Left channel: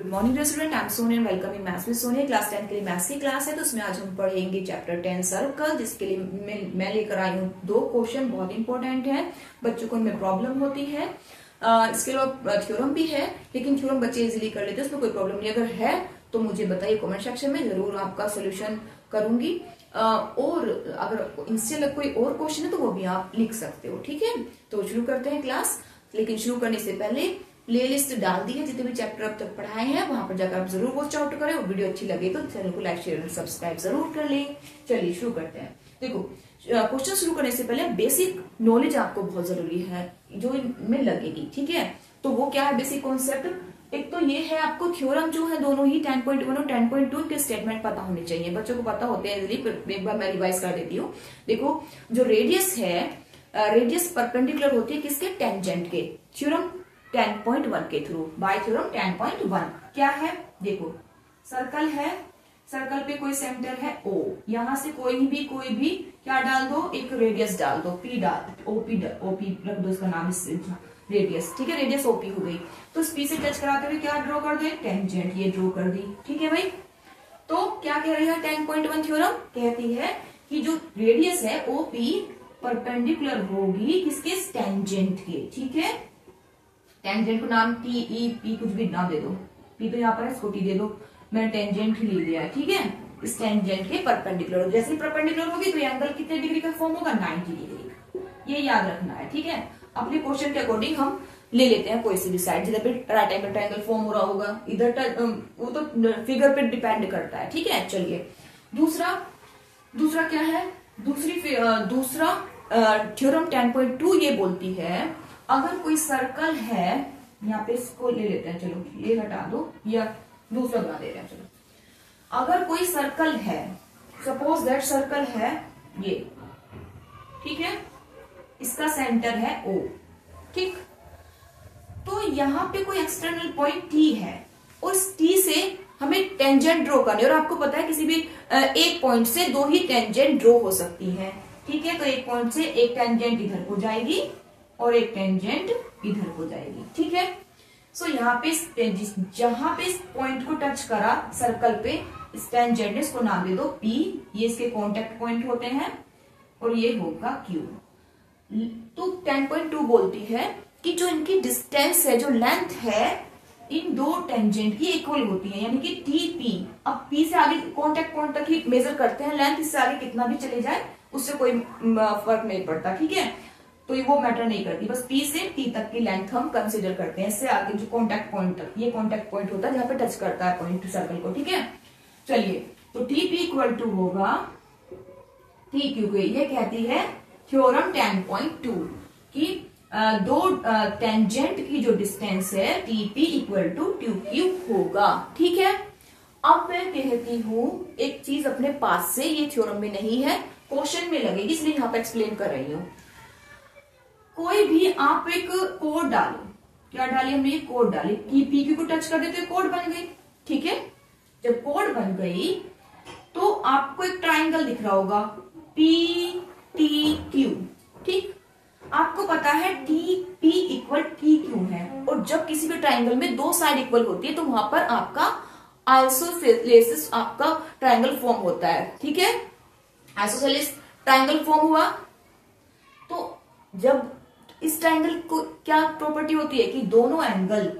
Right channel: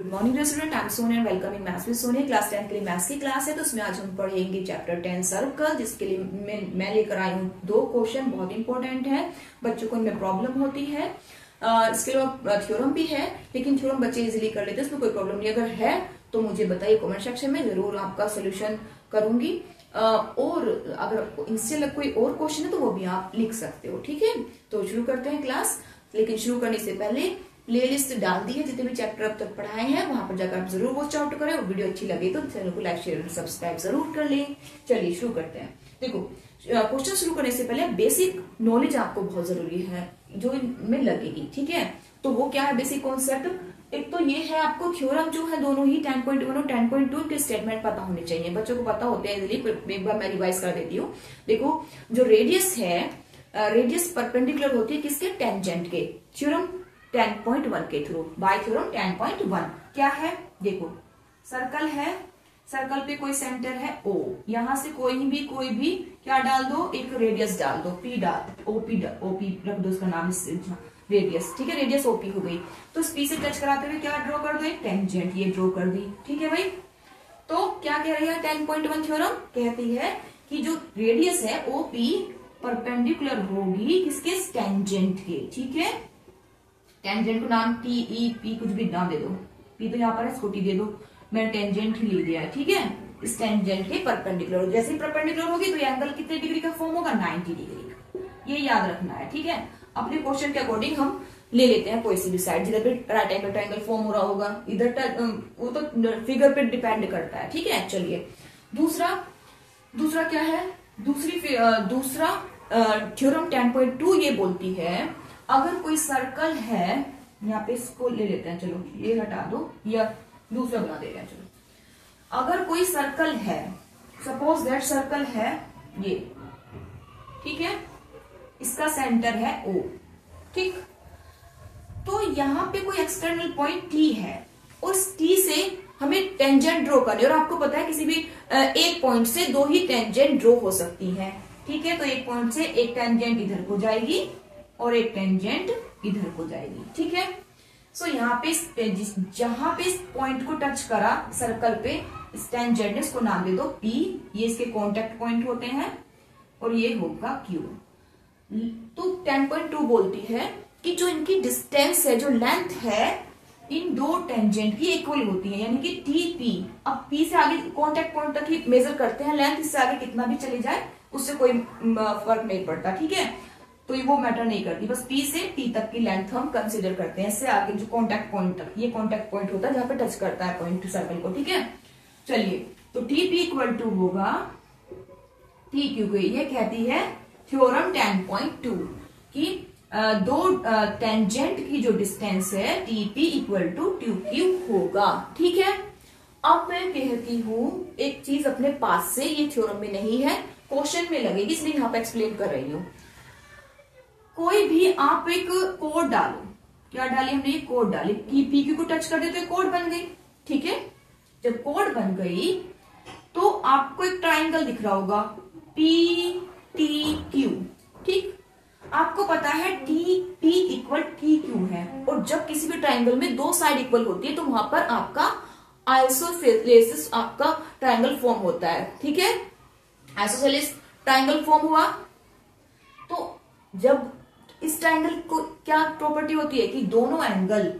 Good morning student, I am Soni and welcome in maths with Soni. Class 10 के लिए maths की class है, तो उसमें आज हम पढ़ेंगे चैप्टर 10 सर्कल, जिसके लिए मैं लेकर आई हूँ 2 क्वेश्चन बहुत इंपॉर्टेंट है। बच्चों को इनमें प्रॉब्लम होती है, इसके अलावा थ्योरम भी है, लेकिन थ्योरम बच्चे इजीली कर लेते हैं, उसमें कोई प्रॉब्लम नहीं। अगर है तो मुझे बताइए कमेंट सेक्शन में, जरूर आपका सोल्यूशन करूंगी। और अगर इससे अलग कोई और क्वेश्चन है तो वो भी आप लिख सकते हो, ठीक है। तो शुरू करते हैं क्लास, लेकिन शुरू करने से पहले प्लेलिस्ट डाल दी है, जितने भी चैप्टर अब तक पढ़ाए हैं वहां पर जाकर आप जरूर वॉच आउट करें, और वीडियो अच्छी लगे तो चैनल को लाइक शेयर सब्सक्राइब जरूर कर लें। चलिए शुरू करते हैं। देखो, क्वेश्चन शुरू करने से पहले बेसिक नॉलेज आपको बहुत जरूरी है, जो इनमें लगेगी, ठीक है। तो वो क्या है बेसिक कॉन्सेप्ट? एक तो ये है आपको थ्योरम जो है दोनों ही 10.1 और 10.2 के स्टेटमेंट पता होने चाहिए। बच्चों को पता होते हैं इजीली, एक बार मैं रिवाइज कर देती हूँ। देखो, जो रेडियस है, रेडियस परपेंडिकुलर होती है किसके? टेंजेंट के। थ्योरम 10.1 के थ्रू, बाय थ्योरम 10.1 क्या है? देखो, सर्कल है, सर्कल पे कोई सेंटर है O, यहां से कोई भी क्या डाल दो? एक रेडियस डाल दो, P डाल, OP रख दो उसका नाम, रेडियस, ठीक है। रेडियस OP हो गई, तो इस P से टच कराते हुए क्या ड्रॉ कर दो? एक टेंजेंट, ये ड्रॉ कर दी, ठीक है भाई। तो क्या कह रही है 10.1 थ्योरम? कहती है कि जो रेडियस है OP परपेंडिकुलर होगी किसके? टेंजेंट के, ठीक है। टेंजेंट को नाम TEP कुछ भी नाम दे दो, P तो यहाँ पर है, इसको T दे दो, मैंने टेंजेंट ही ले लिया है, ठीक है। इस टेंजेंट के परपेंडिकुलर, जैसे परपेंडिकुलर होगी तो ये एंगल कितने डिग्री का फॉर्म होगा? 90 डिग्री, ये याद रखना है, ठीक है। अपने क्वेश्चन के अकॉर्डिंग हम ले लेते हैं कोई सी भी साइड, जिधर पे राइट एंगल ट्रायंगल फॉर्म हो रहा होगा, इधर वो तो फिगर पे डिपेंड करता है, ठीक है। चलिए दूसरा क्या है? दूसरा थ्योरम 10.2 ये बोलती है, अगर कोई सर्कल है, यहाँ पे इसको ले लेते हैं, चलो ये हटा दो या दूसरा बना देते हैं। चलो, अगर कोई सर्कल है, सपोज दैट सर्कल है ये, ठीक है, इसका सेंटर है O, ठीक। तो यहाँ पे कोई एक्सटर्नल पॉइंट T है, उस T से हमें टेंजेंट ड्रॉ करनी है, और आपको पता है किसी भी एक पॉइंट से 2 ही टेंजेंट ड्रॉ हो सकती है, ठीक है। तो एक पॉइंट से एक टेंजेंट इधर को जाएगी और एक टेंजेंट इधर को जाएगी, ठीक है। सो यहाँ पे जहां पे इस पॉइंट को टच करा सर्कल पे, इस टेंजेंट ने, इसको नाम दे दो P, ये इसके कांटेक्ट पॉइंट होते हैं, और ये होगा Q। तो 10.2 बोलती है कि जो इनकी डिस्टेंस है, जो लेंथ है, इन 2 टेंजेंट की इक्वल होती है, यानी कि TP। अब P से आगे कांटेक्ट पॉइंट तक ही मेजर करते हैं लेंथ, इससे आगे कितना भी चले जाए उससे कोई फर्क नहीं पड़ता, ठीक है। तो वो मैटर नहीं करती, बस P से T तक की लेंथ हम कंसीडर करते हैं। इससे आगे जो कांटेक्ट पॉइंट तक, ये कांटेक्ट पॉइंट होता है जहां पे टच करता है पॉइंट सर्कल को, ठीक है। चलिए, तो TP इक्वल टू होगा TQ के। ये कहती है थ्योरम 10.2 कि 2 टेंजेंट की जो डिस्टेंस है TP इक्वल टू TQ होगा, ठीक है। अब मैं कहती हूं एक चीज अपने पास से, ये थ्योरम में नहीं है, क्वेश्चन में लगेगी, इसलिए यहाँ पे एक्सप्लेन कर रही हूँ। कोई भी आप एक कोड डालो, क्या डाली हमने? ये कोड डाली, PQ को टच कर देते कोड बन गई, ठीक है। जब कोड बन गई तो आपको एक ट्राइंगल दिख रहा होगा PTQ, ठीक। आपको पता है TP इक्वल TQ है, और जब किसी भी ट्राइंगल में 2 साइड इक्वल होती है तो वहां पर आपका आइसोसेलेस आपका ट्राइंगल फॉर्म होता है, ठीक है। आइसोसेलेस ट्राइंगल फॉर्म हुआ, तो जब इस ट्राइंगल को क्या प्रॉपर्टी होती है कि दोनों एंगल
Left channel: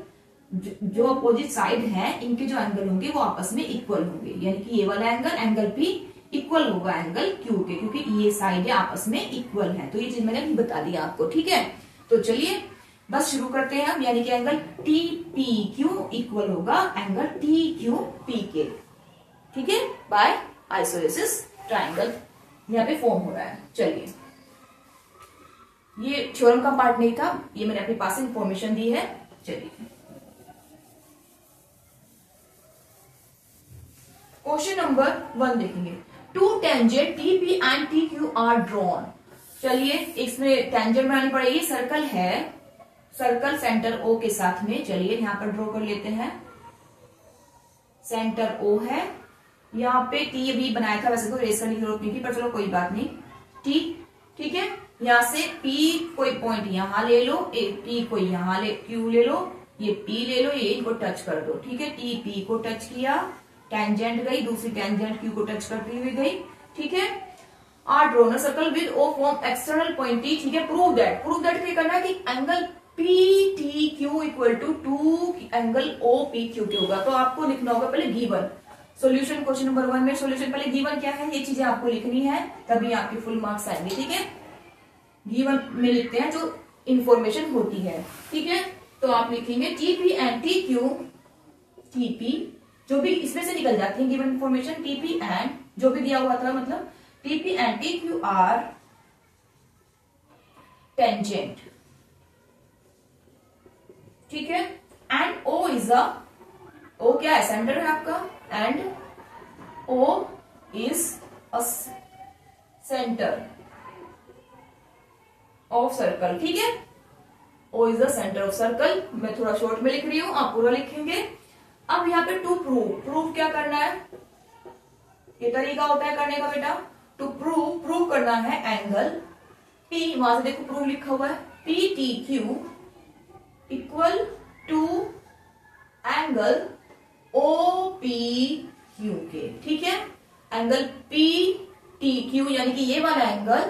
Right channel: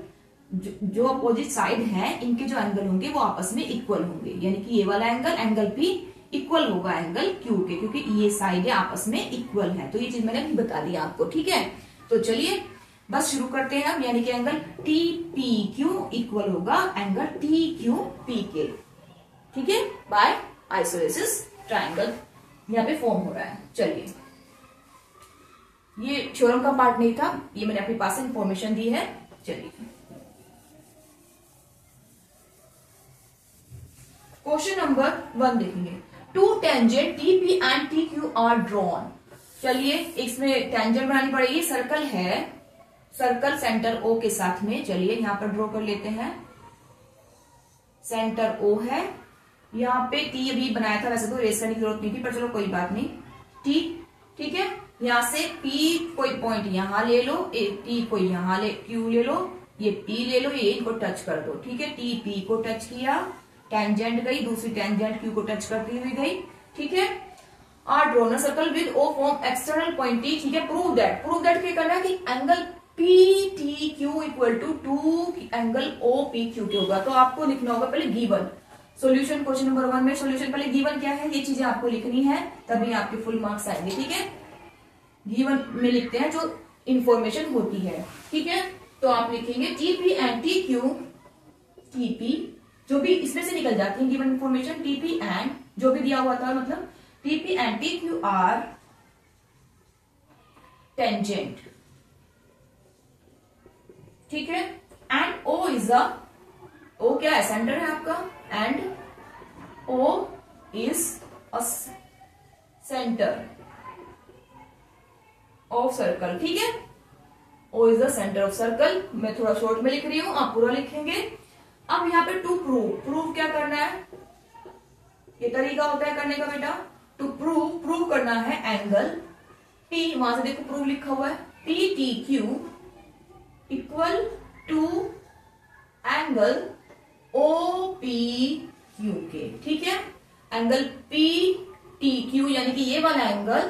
जो अपोजिट साइड हैं, इनके जो एंगल होंगे वो आपस में इक्वल होंगे, यानी कि ये वाला एंगल P इक्वल होगा एंगल Q के, क्योंकि ये साइड आपस में इक्वल है। तो ये चीज मैंने बता दिया आपको, ठीक है। तो चलिए बस शुरू करते हैं हम, यानी कि एंगल TPQ इक्वल होगा एंगल TQP के, ठीक है, बाय आइसोसेलेस ट्राइंगल यहाँ पे फॉर्म हो रहा है। चलिए, ये थ्योरम का पार्ट नहीं था, ये मैंने अपने पास इंफॉर्मेशन दी है। चलिए क्वेश्चन नंबर 1 देखेंगे। 2 tangent TP and TQ are drawn. चलिए, इसमें टेंजेंट बनानी पड़ेगी, सर्कल है, सर्कल सेंटर O के साथ में, चलिए यहां पर ड्रॉ कर लेते हैं। सेंटर O है, यहाँ पे T भी बनाया था, वैसे तो रेस करने की जरूरत नहीं थी, पर चलो कोई बात नहीं, T, ठीक है। यहां से P कोई पॉइंट यहां ले लो, T कोई यहां Q ले लो, ये P ले लो, ये इनको टच कर दो, ठीक है। T P को टच किया, टेंजेंट गई, दूसरी टेंजेंट Q को टच करती हुई गई, ठीक है। और drawn circle with O from external point T, ठीक है। प्रूव दैट क्या करना है कि angle PTQ equal to angle OPQ के होगा। तो आपको लिखना होगा पहले गिवन सॉल्यूशन, क्वेश्चन नंबर 1 में सॉल्यूशन पहले गिवन क्या है ये चीजें आपको लिखनी है, तभी आपके फुल मार्क्स आएंगे, ठीक है। गिवन में लिखते हैं जो इंफॉर्मेशन होती है, ठीक है। तो आप लिखेंगे TP एंड TQ, TP जो भी इसमें से निकल जाती है गिवन इंफॉर्मेशन, TP एंड जो भी दिया हुआ था, मतलब TP and TQ are tangent, ठीक है। And O is a, O क्या है, सेंटर है आपका, and O is a centre of circle, ठीक है। O is the centre of circle. मैं थोड़ा शॉर्ट में लिख रही हूं, आप पूरा लिखेंगे। अब यहाँ पे टू प्रूव क्या करना है, ये तरीका होता है करने का बेटा। टू प्रूव करना है एंगल P, वहां से देखो प्रूव लिखा हुआ है, PTQ equal to angle OPQ के, ठीक है। एंगल PTQ यानी कि ये वाला एंगल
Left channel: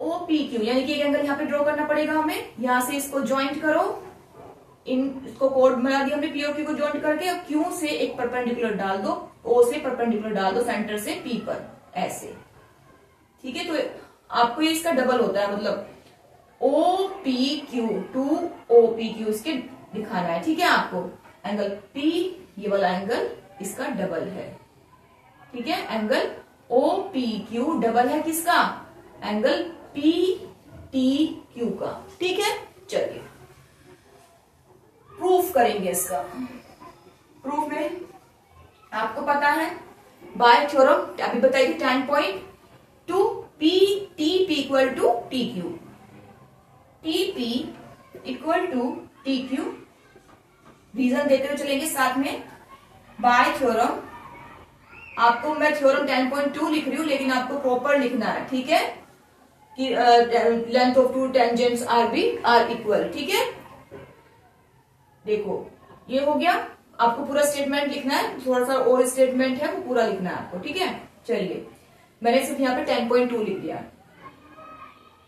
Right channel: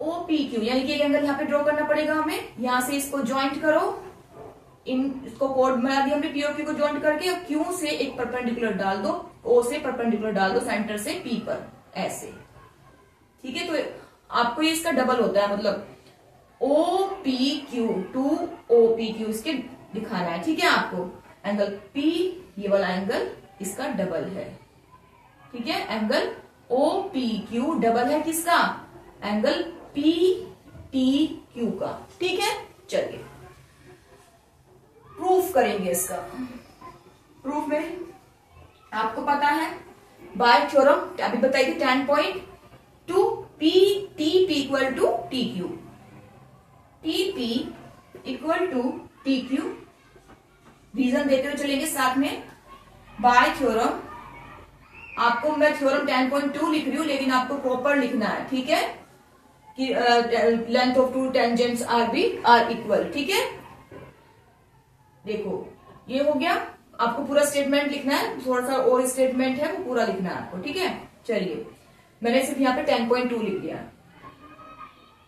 OPQ यानी कि एक एंगल यहाँ पे ड्रॉ करना पड़ेगा हमें, यहां से इसको ज्वाइंट करो, इसको कोड बना दिया हमने POQ को ज्वाइंट करके, और Q से एक परपेंडिकुलर डाल दो, O से परपेंडिकुलर डाल दो सेंटर से P पर, ऐसे, ठीक है। तो आपको ये इसका डबल होता है, मतलब OPQ टू OPQ इसके दिखाना है, ठीक है। आपको एंगल P ये वाला एंगल इसका डबल है, ठीक है। एंगल OPQ डबल है किसका, एंगल PTQ का, ठीक है। चलिए प्रूफ करेंगे इसका। प्रूफ में आपको पता है बाय थ्योरम अभी बताइए 10.2 TP equal to TQ, TP equal to TQ, reason देते हुए चलेंगे साथ में। बाय थ्योरम, आपको मैं थ्योरम 10.2 लिख रही हूं, लेकिन आपको प्रॉपर लिखना है, ठीक है, कि length of two tangents are equal, ठीक है। देखो ये हो गया, आपको पूरा स्टेटमेंट लिखना है, थोड़ा सा और स्टेटमेंट है वो पूरा लिखना है आपको, ठीक है। चलिए मैंने सिर्फ यहाँ पे 10.2 लिख दिया।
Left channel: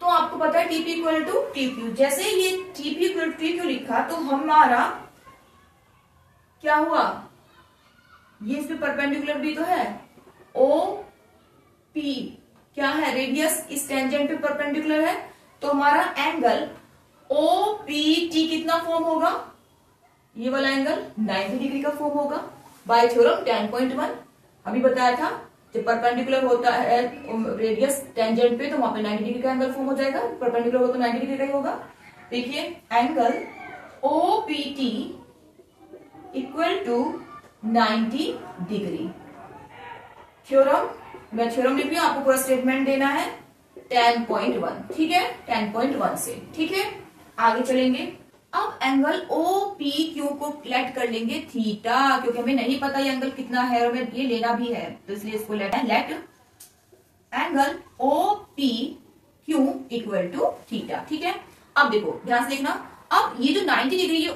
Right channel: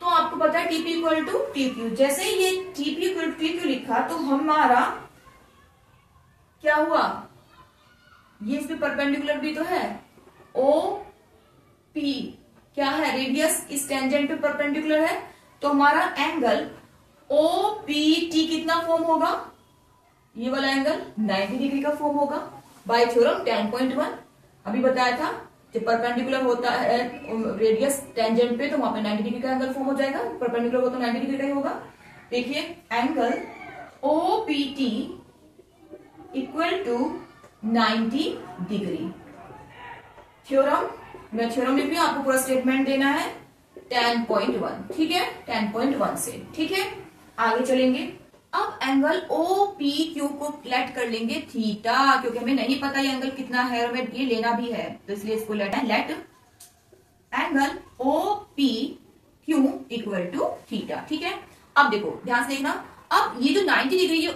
तो आपको पता है TP इक्वल टू TQ, जैसे ये TP इक्वल टू TQ लिखा तो हमारा क्या हुआ, ये इस पे परपेंडिकुलर भी तो है, OP क्या है, रेडियस इस टेंजेंट पे परपेंडिकुलर है, तो हमारा एंगल OPT कितना फॉर्म होगा, ये वाला एंगल 90 डिग्री का फॉर्म होगा बाय थ्योरम 10.1। अभी बताया था जब परपेंडिकुलर होता है रेडियस टेंजेंट पे तो वहां पे 90 डिग्री का एंगल फॉर्म हो जाएगा, परपेंडिकुलर हो तो 90 डिग्री का ही होगा। देखिए angle OPT equal to 90 degree. Theorem, मैं थ्योरम लिख रही हूं, आपको पूरा स्टेटमेंट देना है 10.1, ठीक है, 10.1 से, ठीक है। आगे चलेंगे, अब एंगल OPQ को लेट कर लेंगे थीटा, क्योंकि हमें नहीं पता ये एंगल कितना है और हमें ये लेना भी है, तो इसलिए इसको let angle OPQ equal to theta, ठीक है। अब देखो ध्यान से देखना, अब ये जो 90 डिग्री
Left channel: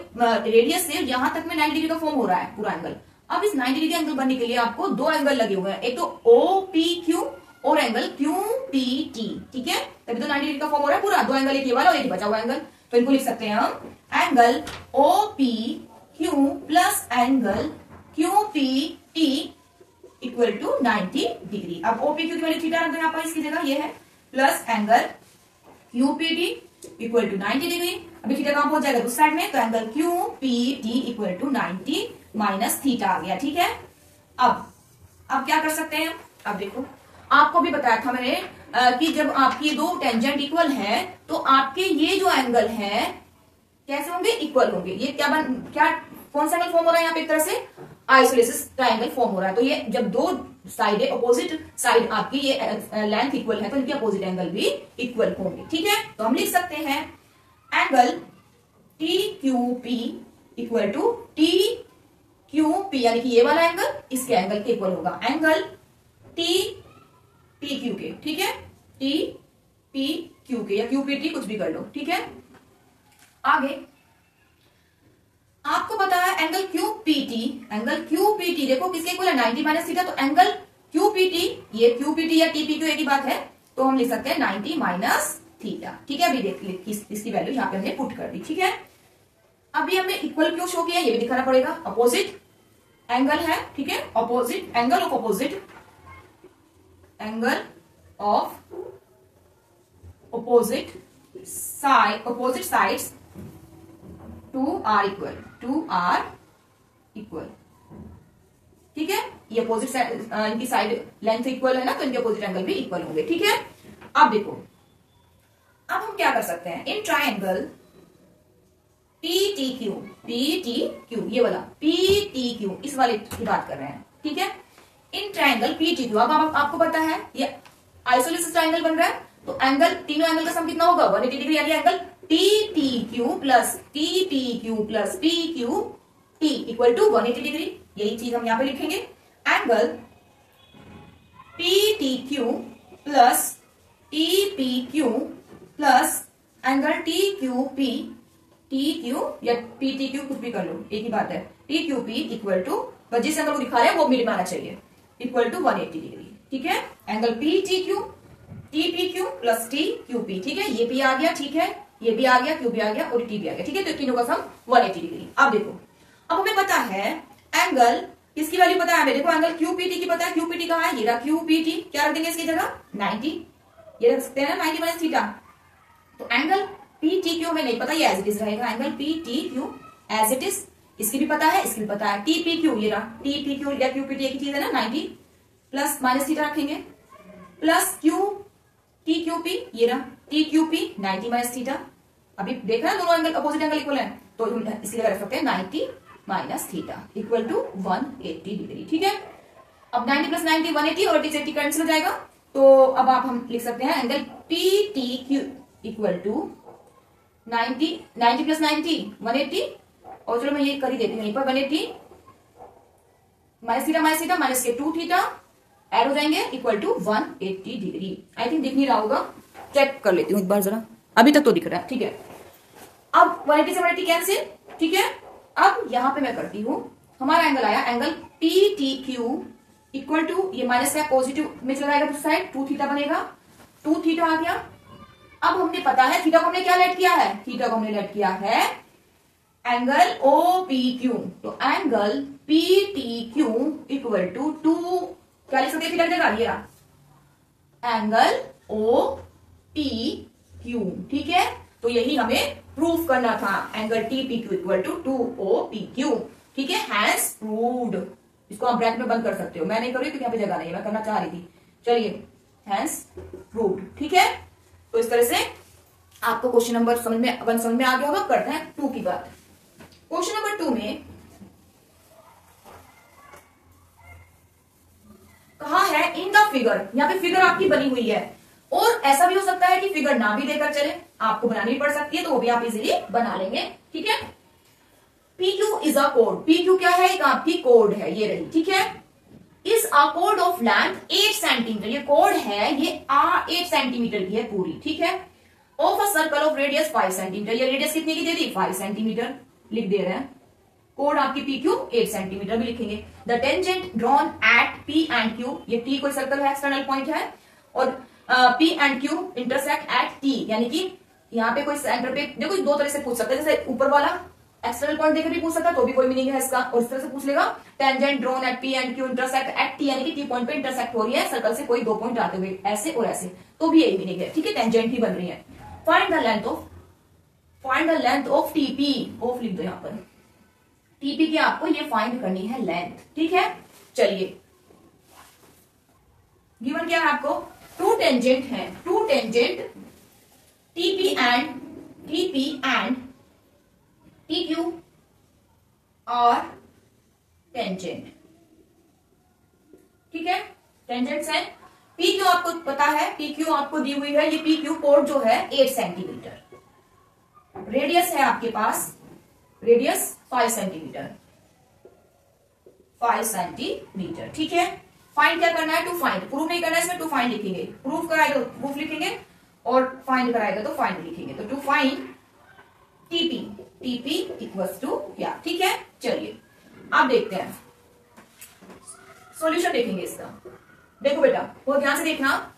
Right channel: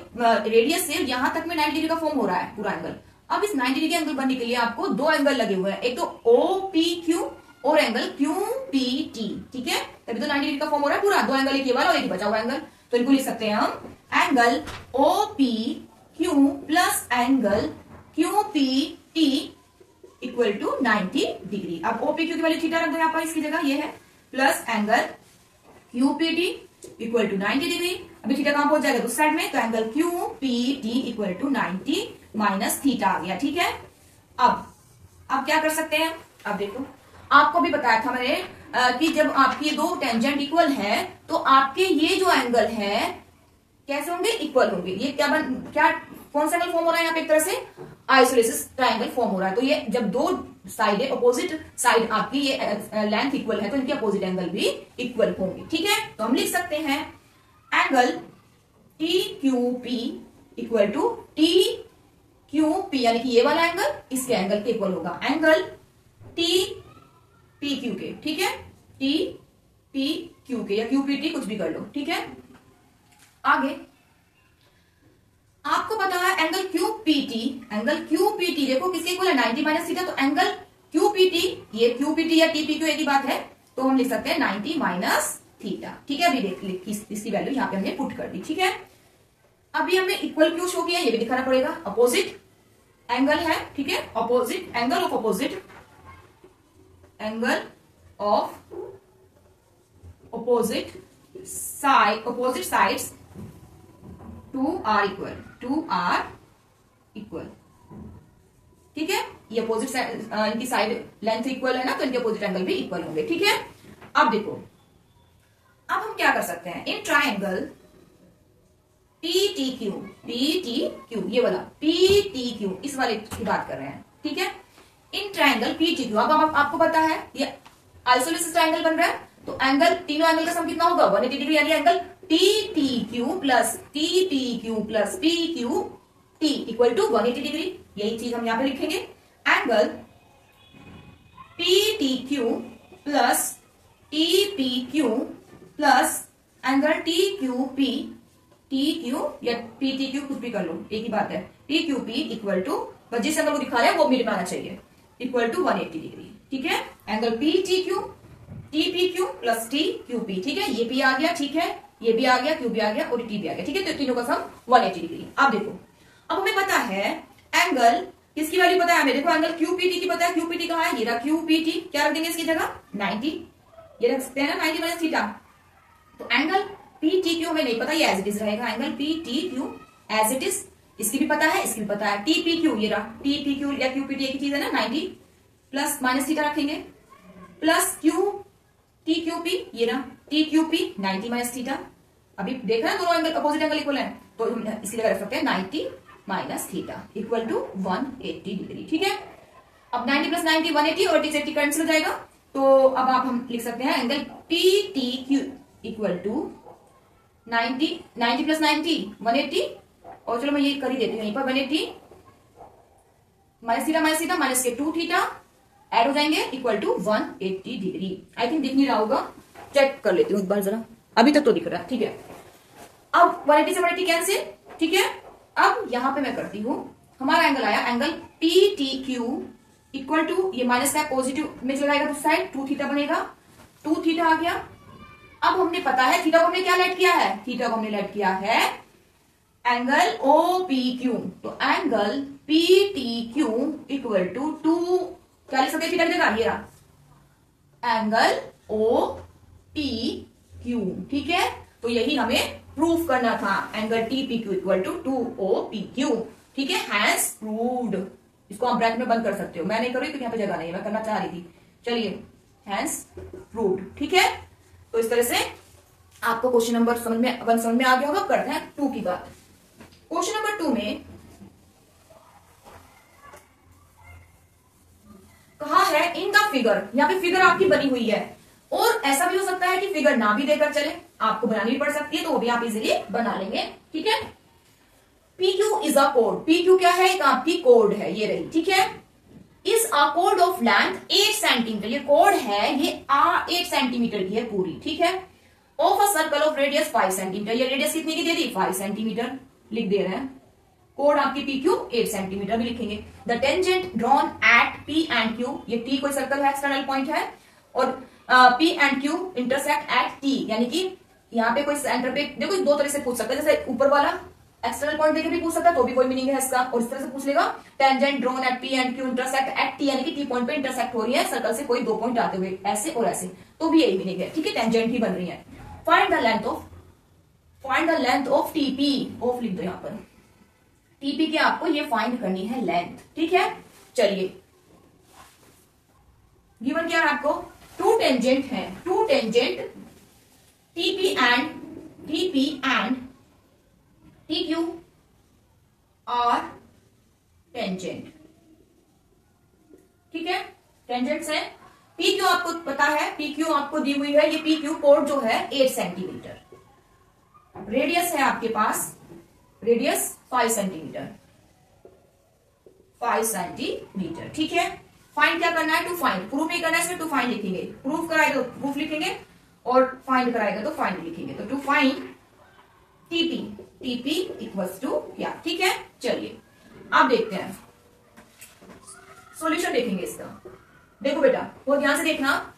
रेडियस से यहां तक में 90 डिग्री का फॉर्म हो रहा है पूरा एंगल। अब इस 90 डिग्री एंगल बनने के लिए आपको दो एंगल लगे हुए हैं, एक तो OPQ और एंगल QPT, ठीक है, तभी तो 90 डिग्री का फॉर्म हो रहा है पूरा। दो एंगल, एक ये वाला और एक बचा हुआ एंगल, तो इनको लिख सकते हैं हम angle OPQ plus angle QPT equal to 90 डिग्री। अब OPQ की वैल्यू थीटा रख दो यहाँ पर इसकी जगह, ये है, plus angle QPT equal to 90 डिग्री। अभी थीटा कहां पहुंच जाएगा, दूसरी साइड में, तो angle QPT equal to 90 minus theta आ गया, ठीक है। अब क्या कर सकते हैं, अब देखो आपको भी बताया था मैंने कि जब आपकी दो टेंजेंट इक्वल है तो आपके ये जो एंगल है कैसे होंगे, इक्वल होंगे। ये क्या कौन सा एंगल फॉर्म हो रहा है यहाँ पे, एक तरह से आइसोलेसिस ट्रायंगल फॉर्म हो रहा है। तो ये जब दो साइड है, अपोजिट साइड आपकी ये लेंथ इक्वल है, तो इनके अपोजिट एंगल भी इक्वल होंगे, ठीक है। तो हम लिख सकते हैं angle TQP equal to TQP यानी कि ये वाला एंगल इसके एंगल के इक्वल होगा, एंगल TPQ के, ठीक है, TPQ के या QPT कुछ भी कर लो, ठीक है। आगे आपको पता है एंगल क्यूपीटी, एंगल क्यूपीटी देखो किसके इक्वल है 90 माइनस थीटा, तो एंगल क्यूपीटी, ये क्यूपीटी या टीपीक्यू एक ही बात है, तो हम लिख सकते हैं 90 माइनस थीटा। ठीक है, अभी देख इसकी वैल्यू यहाँ पे हमने पुट कर दी। ठीक है, अभी हमने इक्वल क्यों शो किया ये भी दिखाना पड़ेगा। अपोजिट एंगल है, ठीक है, opposite angle of opposite angle of opposite sides to are equal. ठीक है, ये अपोजिट इनकी साइड लेंथ इक्वल है ना, तो इनके अपोजिट एंगल भी इक्वल होंगे। ठीक है, अब देखो अब हम क्या कर सकते हैं, इन ट्राइंगल PTQ ये वाला PTQ इस वाले की बात कर रहे हैं। ठीक है, इन ट्राइंगल PTQ अब आपको पता है ये आइसोलेसिस ट्राइंगल बन रहा है, तो एंगल तीनों एंगल का सम कितना होगा 180 डिग्री, यानी angle TTQ plus TPQ plus PQT equal to 180 degree. यही चीज हम यहां पे लिखेंगे, angle PTQ plus TPQ plus angle TQP या PTQ कुछ भी कर लो एक ही बात है, TQP इक्वल टू जिस एंगल को दिखा रहे हैं वो मिड में आना चाहिए, इक्वल टू 180 डिग्री। ठीक है, angle PTQ TPQ plus TQP। ठीक है, ये भी आ गया, ठीक है, ये भी आ गया, Q भी आ गया और T भी आ गया। ठीक है, तो तीनों का सम 180 डिग्री। अब देखो, अब हमें पता है एंगल किसकी वैल्यू पता है हमें, देखो एंगल QPT की पता है, QPT कहाँ है, ये रहा QPT, क्या रख देंगे इसकी जगह 90, ये रख सकते हैं ना 90 माइनस थीटा। तो एंगल PTQ हमें नहीं पता, ये एज इट इज रहेगा, angle PTQ as it is, इसकी भी पता है, इसकी भी पता है। TPQ ये रहा, TPQ या QPT एक ही चीज है ना, 90 प्लस माइनस थीटा रखेंगे, प्लस TQP ये रहा, TQP 90 माइनस थीटा। अभी देख रहे हैं दोनों एंगल अपोजिट एंगल इक्वल है, तो इसकी जगह रख सकते हैं 90 minus theta equal to 180 degree. ठीक है, अब 90 प्लस 90 180 और 80 कैंसिल हो जाएगा, तो अब आप हम लिख सकते हैं angle PTQ equal to 90 plus 90 180, और चलो मैं ये कर ही देती हूँ यहीं पर 180 माइनस थीटा माइनस के 2 थीटा ऐड हो जाएंगे equal to 180 degree. I think दिख नहीं रहा होगा, चेक कर लेती हूँ एक बार जरा, अभी तक तो दिख रहा है। ठीक है, अब 180 से 180 कैंसिल। ठीक है, अब यहां पे मैं करती हूं, हमारा एंगल आया एंगल PTQ इक्वल टू, ये माइनस का पॉजिटिव में चला जाएगा तो साइड 2 थीटा बनेगा, 2 थीटा आ गया। अब हमने पता है थीटा को हमने क्या लेट किया है, थीटा को हमने लेट किया है एंगल OPQ, तो एंगल PTQ इक्वल टू 2 क्या लिख सकते हैं थीटा की जगह, ये रहा एंगल OPQ। ठीक है, तो यही हमें प्रूफ करना था, angle TPQ equal to 2OPQ। ठीक है, हैंस प्रूव्ड। इसको आप ब्रैकेट में बंद कर सकते हो, मैं नहीं कर रही क्योंकि यहाँ पे जगह नहीं है, मैं करना चाह रही थी। चलिए, हैंस प्रूव्ड। ठीक है, तो इस तरह से आपको क्वेश्चन नंबर समझ में आ गया होगा। करते हैं 2 की बात। क्वेश्चन नंबर 2 में कहा है इन द फिगर, यहाँ पे फिगर आपकी बनी हुई है, और ऐसा भी हो सकता है कि फिगर ना भी देकर चले, आपको बनानी भी पड़ सकती है, तो वो भी आप इजीली बना लेंगे। ठीक है, PQ is a code, PQ क्या है, एक आपकी कोड है, ये रही। ठीक है, इज अ कोड ऑफ लेंथ 8 सेंटीमीटर, ये कोड है, ये 8 सेंटीमीटर की है पूरी। ठीक है, of a circle of radius 5 centimetre, ये रेडियस कितनी की दे दी 5 सेंटीमीटर लिख दे रहे हैं। कोड आपकी PQ 8 सेंटीमीटर भी लिखेंगे। The tangent drawn at P and Q, ये T कोई सर्कल है, एक्सटर्नल पॉइंट है, और P and Q intersect at T, यानी कि यहाँ पे कोई सेंटर पे, देखो 2 तरह से पूछ सकता है, जैसे ऊपर वाला एक्सटर्नल पॉइंट देके भी पूछ सकता है, तो भी कोई मीनिंग है इसका, और इस तरह से पूछ लेगा tangent drawn at P and Q intersect at T, यानी कि T पॉइंट पे इंटरसेक्ट हो रही है सर्कल से कोई 2 पॉइंट आते हुए, ऐसे और ऐसे, तो भी यही मीनिंग है। ठीक है, टेंजेंट ही बन रही है। Find the length of TP, of लिख दो यहाँ पर, TP की आपको ये फाइंड करनी है लेंथ। ठीक है, चलिए गिवन क्या है आपको, 2 टेंजेंट है, 2 टेंजेंट TP एंड TQ और टेंजेंट। ठीक है, टेंजेंट्स है, PQ आपको पता है, PQ आपको दी हुई है, ये PQ कोड जो है 8 सेंटीमीटर, रेडियस है आपके पास, रेडियस 5 सेंटीमीटर, 5 सेंटीमीटर। ठीक है, फाइंड क्या करना है, टू फाइंड, प्रूफ नहीं करना है इसमें, टू फाइंड लिखेंगे, प्रूफ कराएगा तो प्रूफ लिखेंगे और फाइंड कराएगा तो फाइंड लिखेंगे। तो to find TP, TP equals to क्या, ठीक है। चलिए अब देखते हैं सॉल्यूशन, देखेंगे इसका। देखो बेटा बहुत ध्यान से देखना,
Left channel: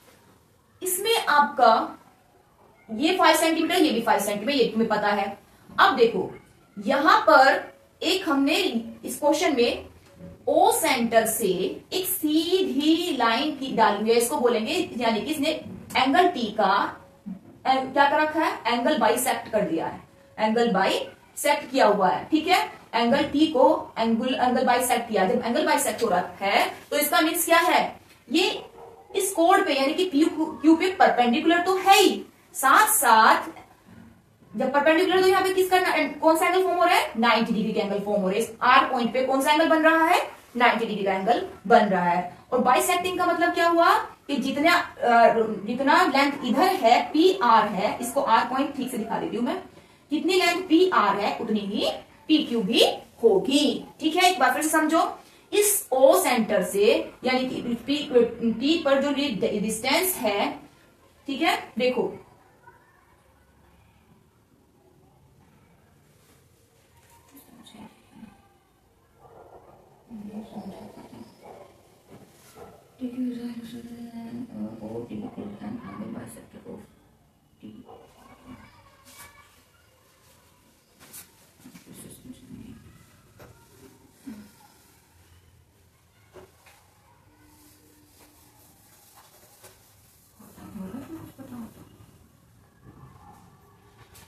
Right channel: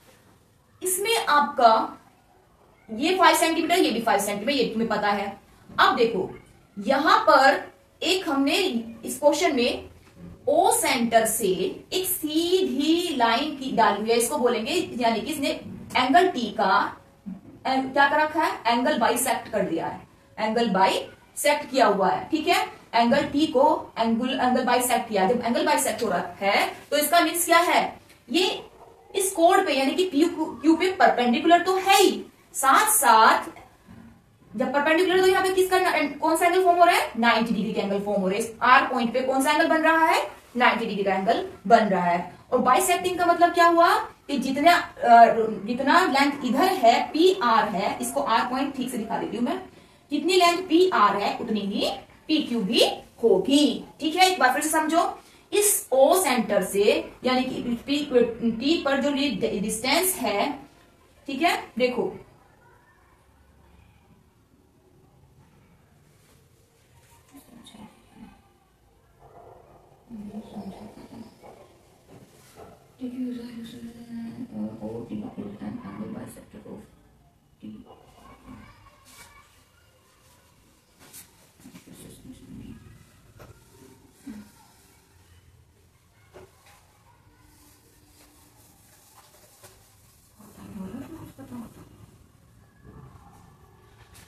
इसमें आपका ये 5 सेंटीमीटर, ये भी 5 सेंटीमीटर, ये तुम्हें पता है। अब देखो यहां पर एक हमने इस क्वेश्चन में ओ सेंटर से एक सीधी लाइन की डाली हुई है, इसको बोलेंगे, यानी कि इसने एंगल टी का क्या कर रखा है, एंगल बाइसेक्ट कर दिया है, एंगल बाइसेक्ट किया हुआ है, ठीक है। एंगल टी को एंगल बाइसेक्ट किया, जब एंगल बाइसेक्ट हो रहा है तो इसका मीन्स क्या है, ये इस कोड पे यानी कि क्यू पे परपेंडिकुलर तो है ही, साथ साथ जब परपेंडिकुलर तो यहाँ पे किसका कौन सा एंगल फॉर्म हो रहा है, 90 डिग्री का एंगल फॉर्म हो रहा है। आर पॉइंट पे कौन सा एंगल बन रहा है, 90 डिग्री का एंगल बन रहा है। और बाइसेक्टिंग का मतलब क्या हुआ कि जितना लेंथ इधर है पी आर है, इसको आर पॉइंट ठीक से दिखा देती हूं मैं, जितनी लेंथ पी आर है उतनी ही पी क्यू भी होगी, ठीक है। एक बार फिर से समझो, इस ओ सेंटर से यानी कि टी पर जो डिस्टेंस है, ठीक है, देखो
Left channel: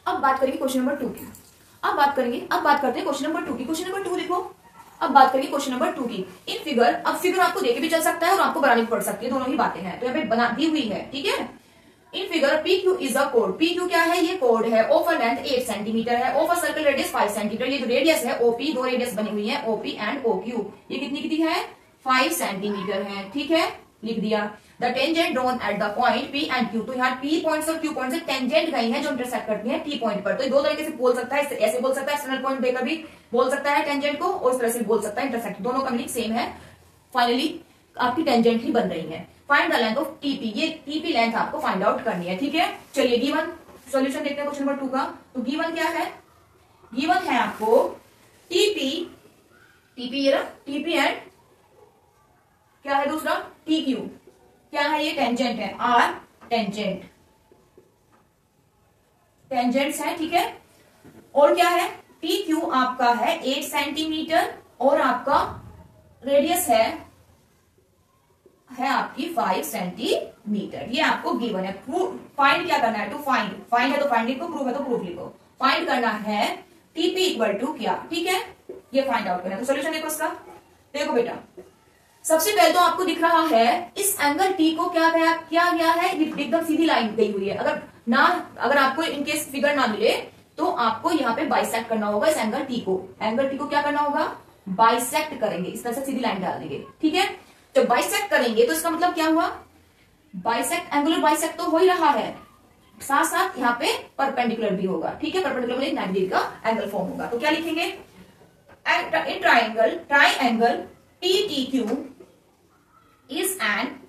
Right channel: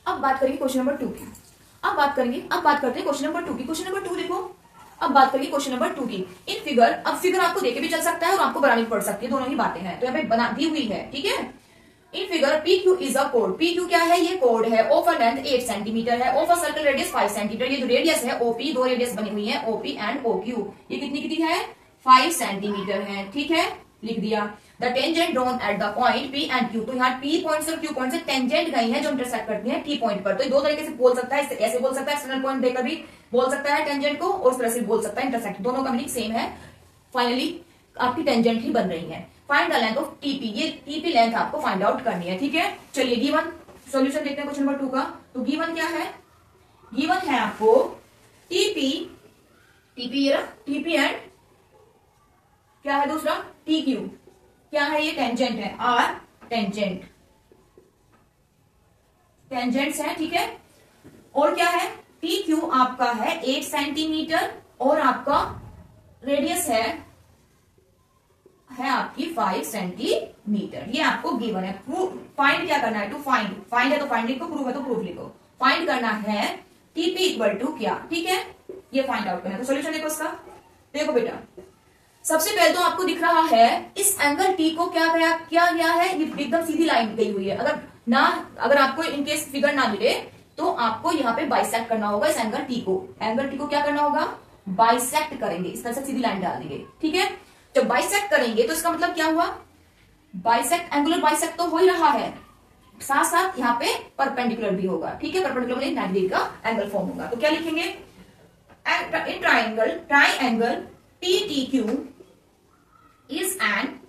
अब बात करेंगे क्वेश्चन नंबर 2 की। अब बात करते हैं क्वेश्चन नंबर 2 की। क्वेश्चन नंबर 2 देखो, अब बात करेंगे क्वेश्चन नंबर 2 की। इन फिगर, अब फिगर आपको देके भी चल सकता है और आपको बनानी पड़ सकती है, दोनों ही बातें हैं, तो यहाँ पे बना दी हुई है, ठीक है। In figure P Q is a code, P Q क्या है, ये कोड है। ओ फॉर लेंथ 8 सेंटीमीटर है, O for circle radius 5 centimetre, ये जो रेडियस है ओपी, दो रेडियस बनी हुई है ओपी एंड ओ क्यू, ये कितनी है 5 सेंटीमीटर है, ठीक है, लिख दिया। The tangent drawn at the point P and Q, तो यहाँ पी पॉइंट और क्यू पॉइंट से टेंजेंट गई है जो इंटरसेक्ट करती है टी पॉइंट पर। तो दो तरीके से बोल सकता है, ऐसे बोल सकता है एक्सटर्नल पॉइंट देकर भी बोल सकता है टेंजेंट को, और इस तरह से बोल सकता है इंटरसेक्ट, दोनों का मीनिंग सेम है। फाइनली आपकी टेंजेंट ही बन रही है। Find the length of TP, ये टीपी लेंथ आपको फाइंड आउट करनी है, ठीक है। चलिए गिवन सॉल्यूशन देखते हैं क्वेश्चन नंबर 2 का। तो गिवन क्या है, गिवन है आपको टीपी, टीपी ये टीपी एंड क्या है दूसरा टी क्यू, क्या है ये टेंजेंट है, आर टेंजेंट, टेंजेंट्स है, ठीक है। और क्या है पी क्यू आपका है 8 सेंटीमीटर और आपका रेडियस है आपकी 5 सेंटीमीटर, ये आपको गिवन है। फाइंड क्या करना है, टू फाइंड, फाइंड है तो फाइंड लिखो, प्रूफ है तो प्रूफ लिखो। फाइंड करना है टीपी इक्वल टू क्या, ठीक है, ये फाइंड आउट करना है। तो सोल्यूशन देखो इसका, देखो बेटा सबसे पहले तो आपको दिख रहा है इस एंगल टी को क्या गया है, एकदम सीधी लाइन गई हुई है। अगर आपको इनकेस फिगर ना मिले तो आपको यहाँ पे बाइसेक्ट करना होगा इस एंगल टी को। एंगल टी को क्या करना होगा, बाइसेक्ट करेंगे, इस तरह से सीधी लाइन डाल देंगे, ठीक है। जब बाइसेक्ट करेंगे तो इसका मतलब क्या हुआ, बाइसेक्ट, एंगुलर बाइसेक्ट तो हो ही रहा है, साथ साथ यहाँ पे परपेंडिकुलर भी होगा, ठीक है। परपेंडिकुलर में 90 डिग्री का एंगल फॉर्म होगा। तो क्या लिखेंगे, in triangle T T Q is an,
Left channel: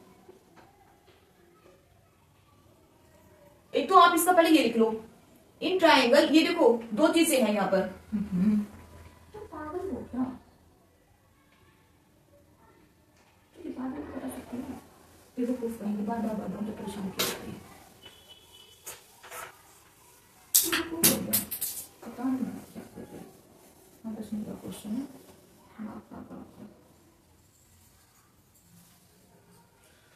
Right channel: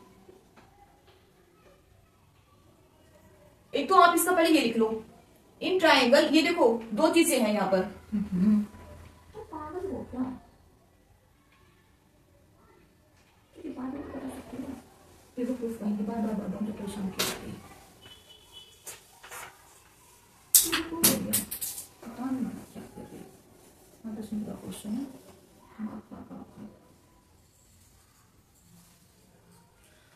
एक तो आप इसका पहले ये लिख लो, इन ट्राइंगल, ये देखो दो चीजें हैं यहाँ पर, तो पागल हो क्या, बता सकते हो, देखो प्रूफ करेंगे बार तो परेशान किया, पता नहीं क्या कर रहे, 10 मिनट का क्वेश्चन है।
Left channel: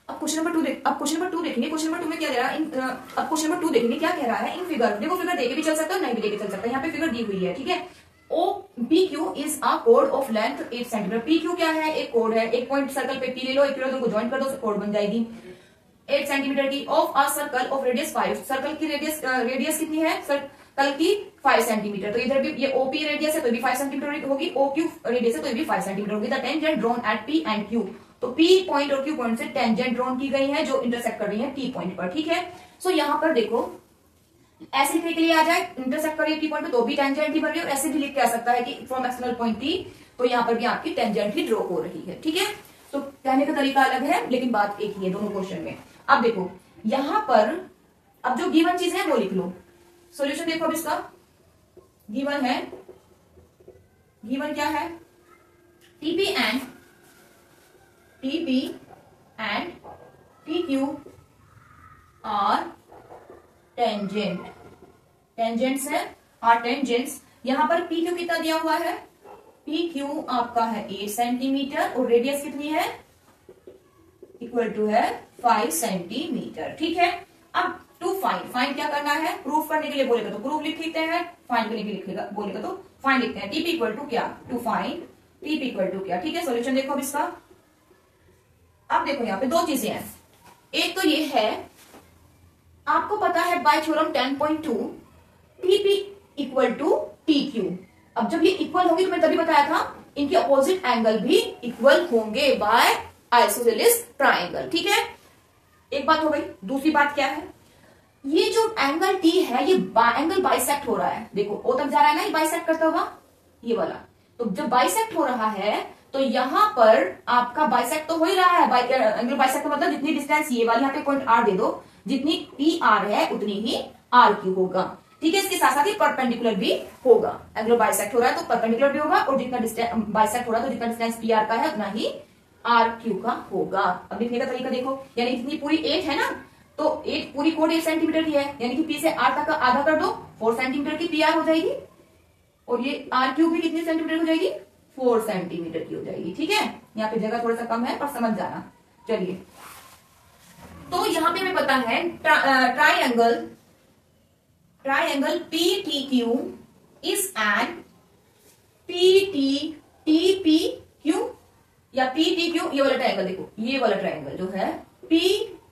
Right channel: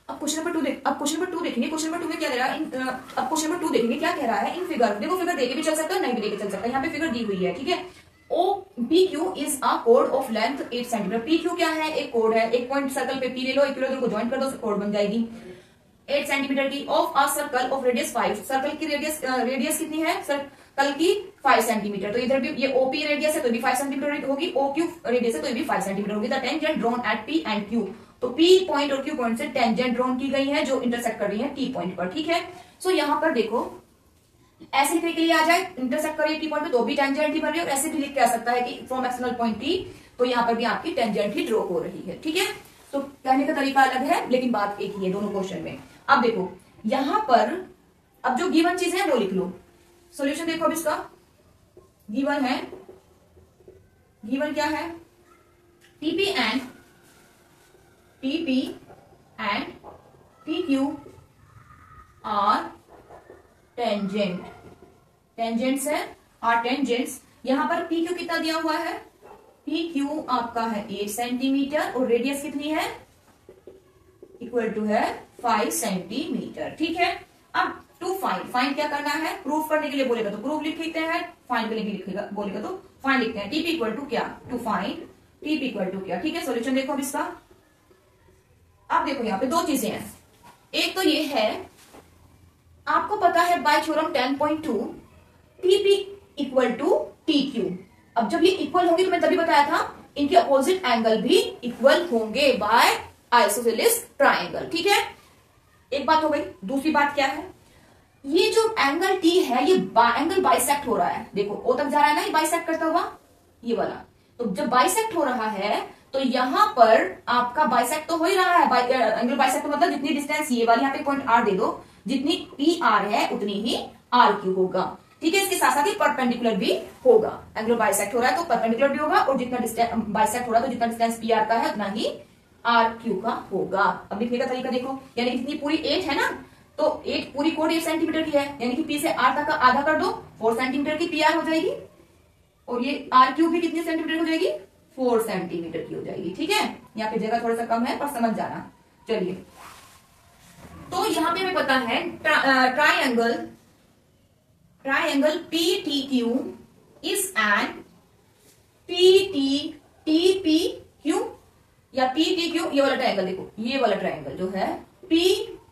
अब क्वेश्चन नंबर 2 देखेंगे। क्वेश्चन नंबर 2 में क्या दे रहा है, अब क्वेश्चन नंबर 2 देखेंगे क्या कह रहा है। इन फिगर, देखो फिगर देके भी चल सकता है, नहीं भी देके चल सकता है, यहाँ पे फिगर दी हुई है, ठीक है। O P Q is a कोड of length 8 centimetre, P Q क्या है, एक कोड है, एक पॉइंट सर्कल पे पी ले लो, एक किलो को ज्वाइन कर दो, कोड बन जाएगी 8 सेंटीमीटर की, of a circle of radius 5, circle की रेडियस कितनी है, सर्कल की 5 सेंटीमीटर, तो इधर भी ये ओपी रेडियस है तो भी 5 सेंटीमीटर होगी, ओ क्यू रेडियस है तो भी 5 सेंटीमीटर होगी। The tangent drawn at P and Q, तो पी पॉइंट और क्यू पॉइंट से टेंजेंट ड्रॉन की गई है जो इंटरसेक्ट कर रही है टी पॉइंट पर, ठीक है। सो यहाँ पर देखो ऐसे लिखने के लिए आ जाए, इंटरसेक्ट कर रही है टी पॉइंट पे तो भी टेंजेंट ही बन रही है, और ऐसे भी लिख के आ सकता है कि फ्रॉम एक्सटर्नल पॉइंट टी, तो यहाँ पर भी आपकी टेंजेंट ही ड्रॉ हो रही है, ठीक है। तो कहने का तरीका अलग है लेकिन बात एक ही है दोनों क्वेश्चन में। अब देखो यहाँ पर अब जो गिवन चीज है वो लिख लो, सोल्यूशन देखो अब इसका, गिवन है, गिवन क्या है, TP and TQ are tangent, tangents है और टेंजेंट्स। यहां पर पी क्यू कितना दिया हुआ है, पी क्यू आपका है 8 सेंटीमीटर और रेडियस कितनी है, इक्वल टू है 5 सेंटीमीटर। ठीक है, अब टू फाइंड क्या करना है, प्रूफ करने के लिए बोलेगा तो प्रूफ लिख लेते हैं, फाइंड के लिए लिखेगा बोलेगा तो फाइंड लिखते हैं। टीपी इक्वल टू क्या, to find TP equal to क्या। ठीक है, सॉल्यूशन देखो अब इसका। अब देखो यहाँ पे दो चीजें हैं, एक तो ये है, आपको पता है by theorem 10.2 TP equal to T Q. अब जब ये इक्वल होंगे तो मैं तभी बताया था इनके अपोजिट एंगल भी इक्वल होंगे बाय आइसोसेलेस ट्राइंगल। ठीक है, एक बात हो गई। दूसरी बात क्या है, ये जो एंगल टी है ये एंगल बाइसेक्ट हो रहा है, देखो ओ तक जा रहा है ना ये बाइसेक्ट करता हुआ, ये वाला। तो जब बाइसेक्ट हो रहा है तो यहां पर आपका बाइसेक्ट तो हो ही रहा है, एंगल बाइसेक्ट का मतलब जितनी डिस्टेंस ये वाली यहाँ पे पॉइंट आर दे दो, जितनी पी आर है उतनी ही आर क्यू होगा। ठीक है, इसके साथ साथ ही परपेंडिकुलर भी होगा, एंगल बाइसेक्ट हो रहा है तो परपेंडिकुलर भी होगा और जितना डिस्टेंस बाइसेक्ट हो रहा है तो जितना डिस्टेंस पी आर का है उतना ही आर क्यू का होगा। अब लिखने का तरीका देखो, यानी कितनी पूरी 8 है ना, तो 8 पूरी कोड 8 सेंटीमीटर की है, यानी कि पी से आर तक का आधा कर दो, 4 सेंटीमीटर की पी आर हो जाएगी और ये आर क्यू भी कितनी सेंटीमीटर हो जाएगी, 4 सेंटीमीटर की हो जाएगी। ठीक है, यहाँ पे जगह थोड़ा सा कम है पर समझ जाना। चलिए, तो यहाँ पे हमें पता है triangle P T Q is an P T P Q या पी टी क्यू, ये वाला ट्राइंगल देखो, ये वाला ट्राइंगल जो है P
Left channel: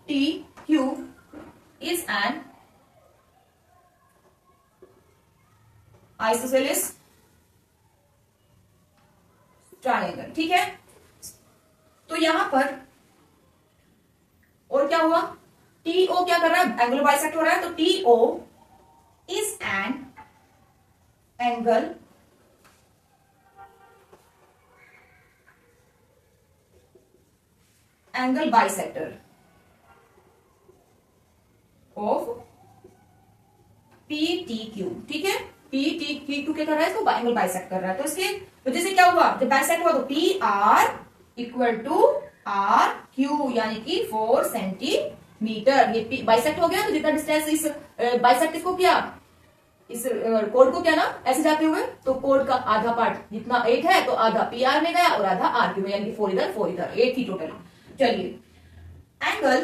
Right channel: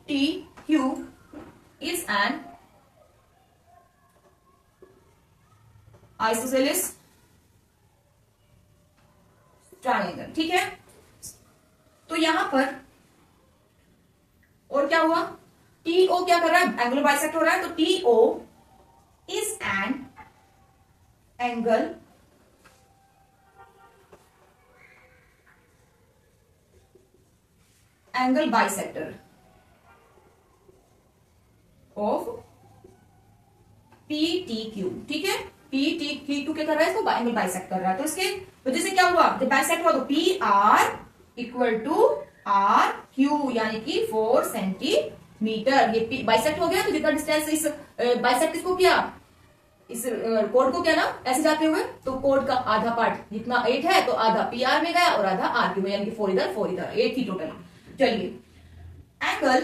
T Q is an isosceles triangle. ठीक है, तो यहां पर और क्या हुआ, टीओ क्या कर रहा है, एंगुलर बाइसेक्ट हो रहा है, तो TO is an angle bisector of P T Q. ठीक है, पी टी क्यू क्या कर रहा है, इसको एंगल बाइसेक्ट कर रहा है, तो इसके वजह से क्या हुआ, जब बाइसेक्ट हुआ तो P R equal to R Q यानी कि 4 सेंटीमीटर। ये बाइसेक्ट हो गया तो जितना डिस्टेंस इस बाइसेक्ट इसको किया, इस कोड को क्या ना ऐसे जाते हुए, तो कोड का आधा पार्ट जितना 8 है तो आधा पी आर में गया और आधा आर क्यू में, यानी कि 4 इधर 4 इधर, 8 ही टोटल। चलिए, एंगल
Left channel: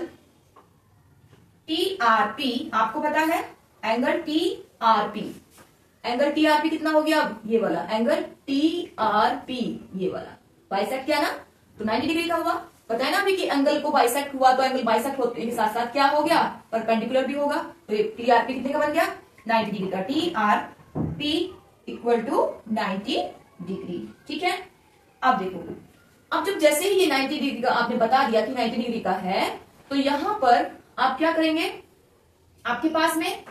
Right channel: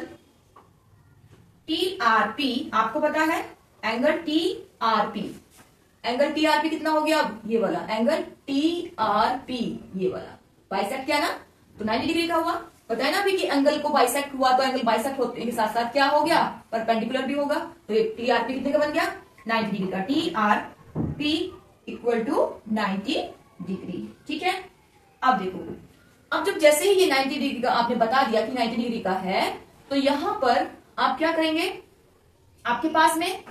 टी आर पी आपको पता है, angle T R P, angle T R P कितना हो गया, ये वाला एंगल टी आर पी, ये वाला बाइसेक्ट किया ना तो 90 डिग्री का हुआ। पता है ना अभी कि एंगल को बाइसेक्ट हुआ तो एंगल बाइसेक्ट होने के साथ साथ क्या हो गया, परपेंडिकुलर भी होगा, तो ये टी आर पी कितने का बन गया, 90 डिग्री का। T R P equal to 90 degree. ठीक है, अब देखो, अब जब जैसे ही ये 90 डिग्री का आपने बता दिया कि 90 डिग्री का है, तो यहां पर आप क्या करेंगे, आपके पास में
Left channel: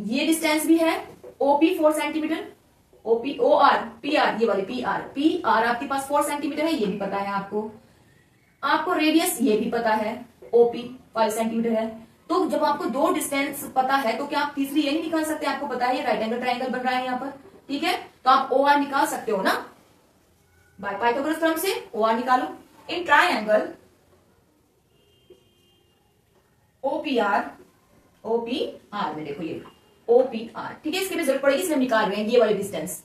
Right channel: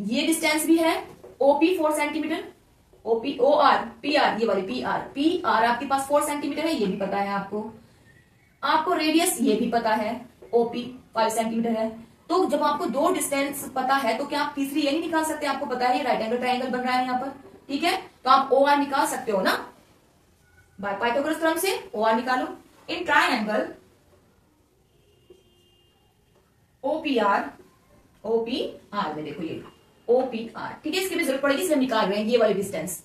ये डिस्टेंस भी है OP 4 centimetre, OP O R P R, ये वाली पी आर आपके पास 4 सेंटीमीटर है, ये भी पता है आपको रेडियस ये भी पता है, ओपी 5 सेंटीमीटर है। तो जब आपको दो डिस्टेंस पता है तो क्या आप तीसरी ये नहीं निकाल सकते, आपको पता है ये राइट एंगल ट्राइंगल बन रहा है यहाँ पर। ठीक है, तो आप ओ आर निकाल सकते हो ना, बाय पाइथागोरस थ्योरम से ओ आर निकालो। इन ट्राइंगल ओपीआर में देखो ये ओपीआर, ठीक है, इसकी भी जरूरत पड़ेगी इसलिए हम निकाल रहे हैं ये वाली डिस्टेंस।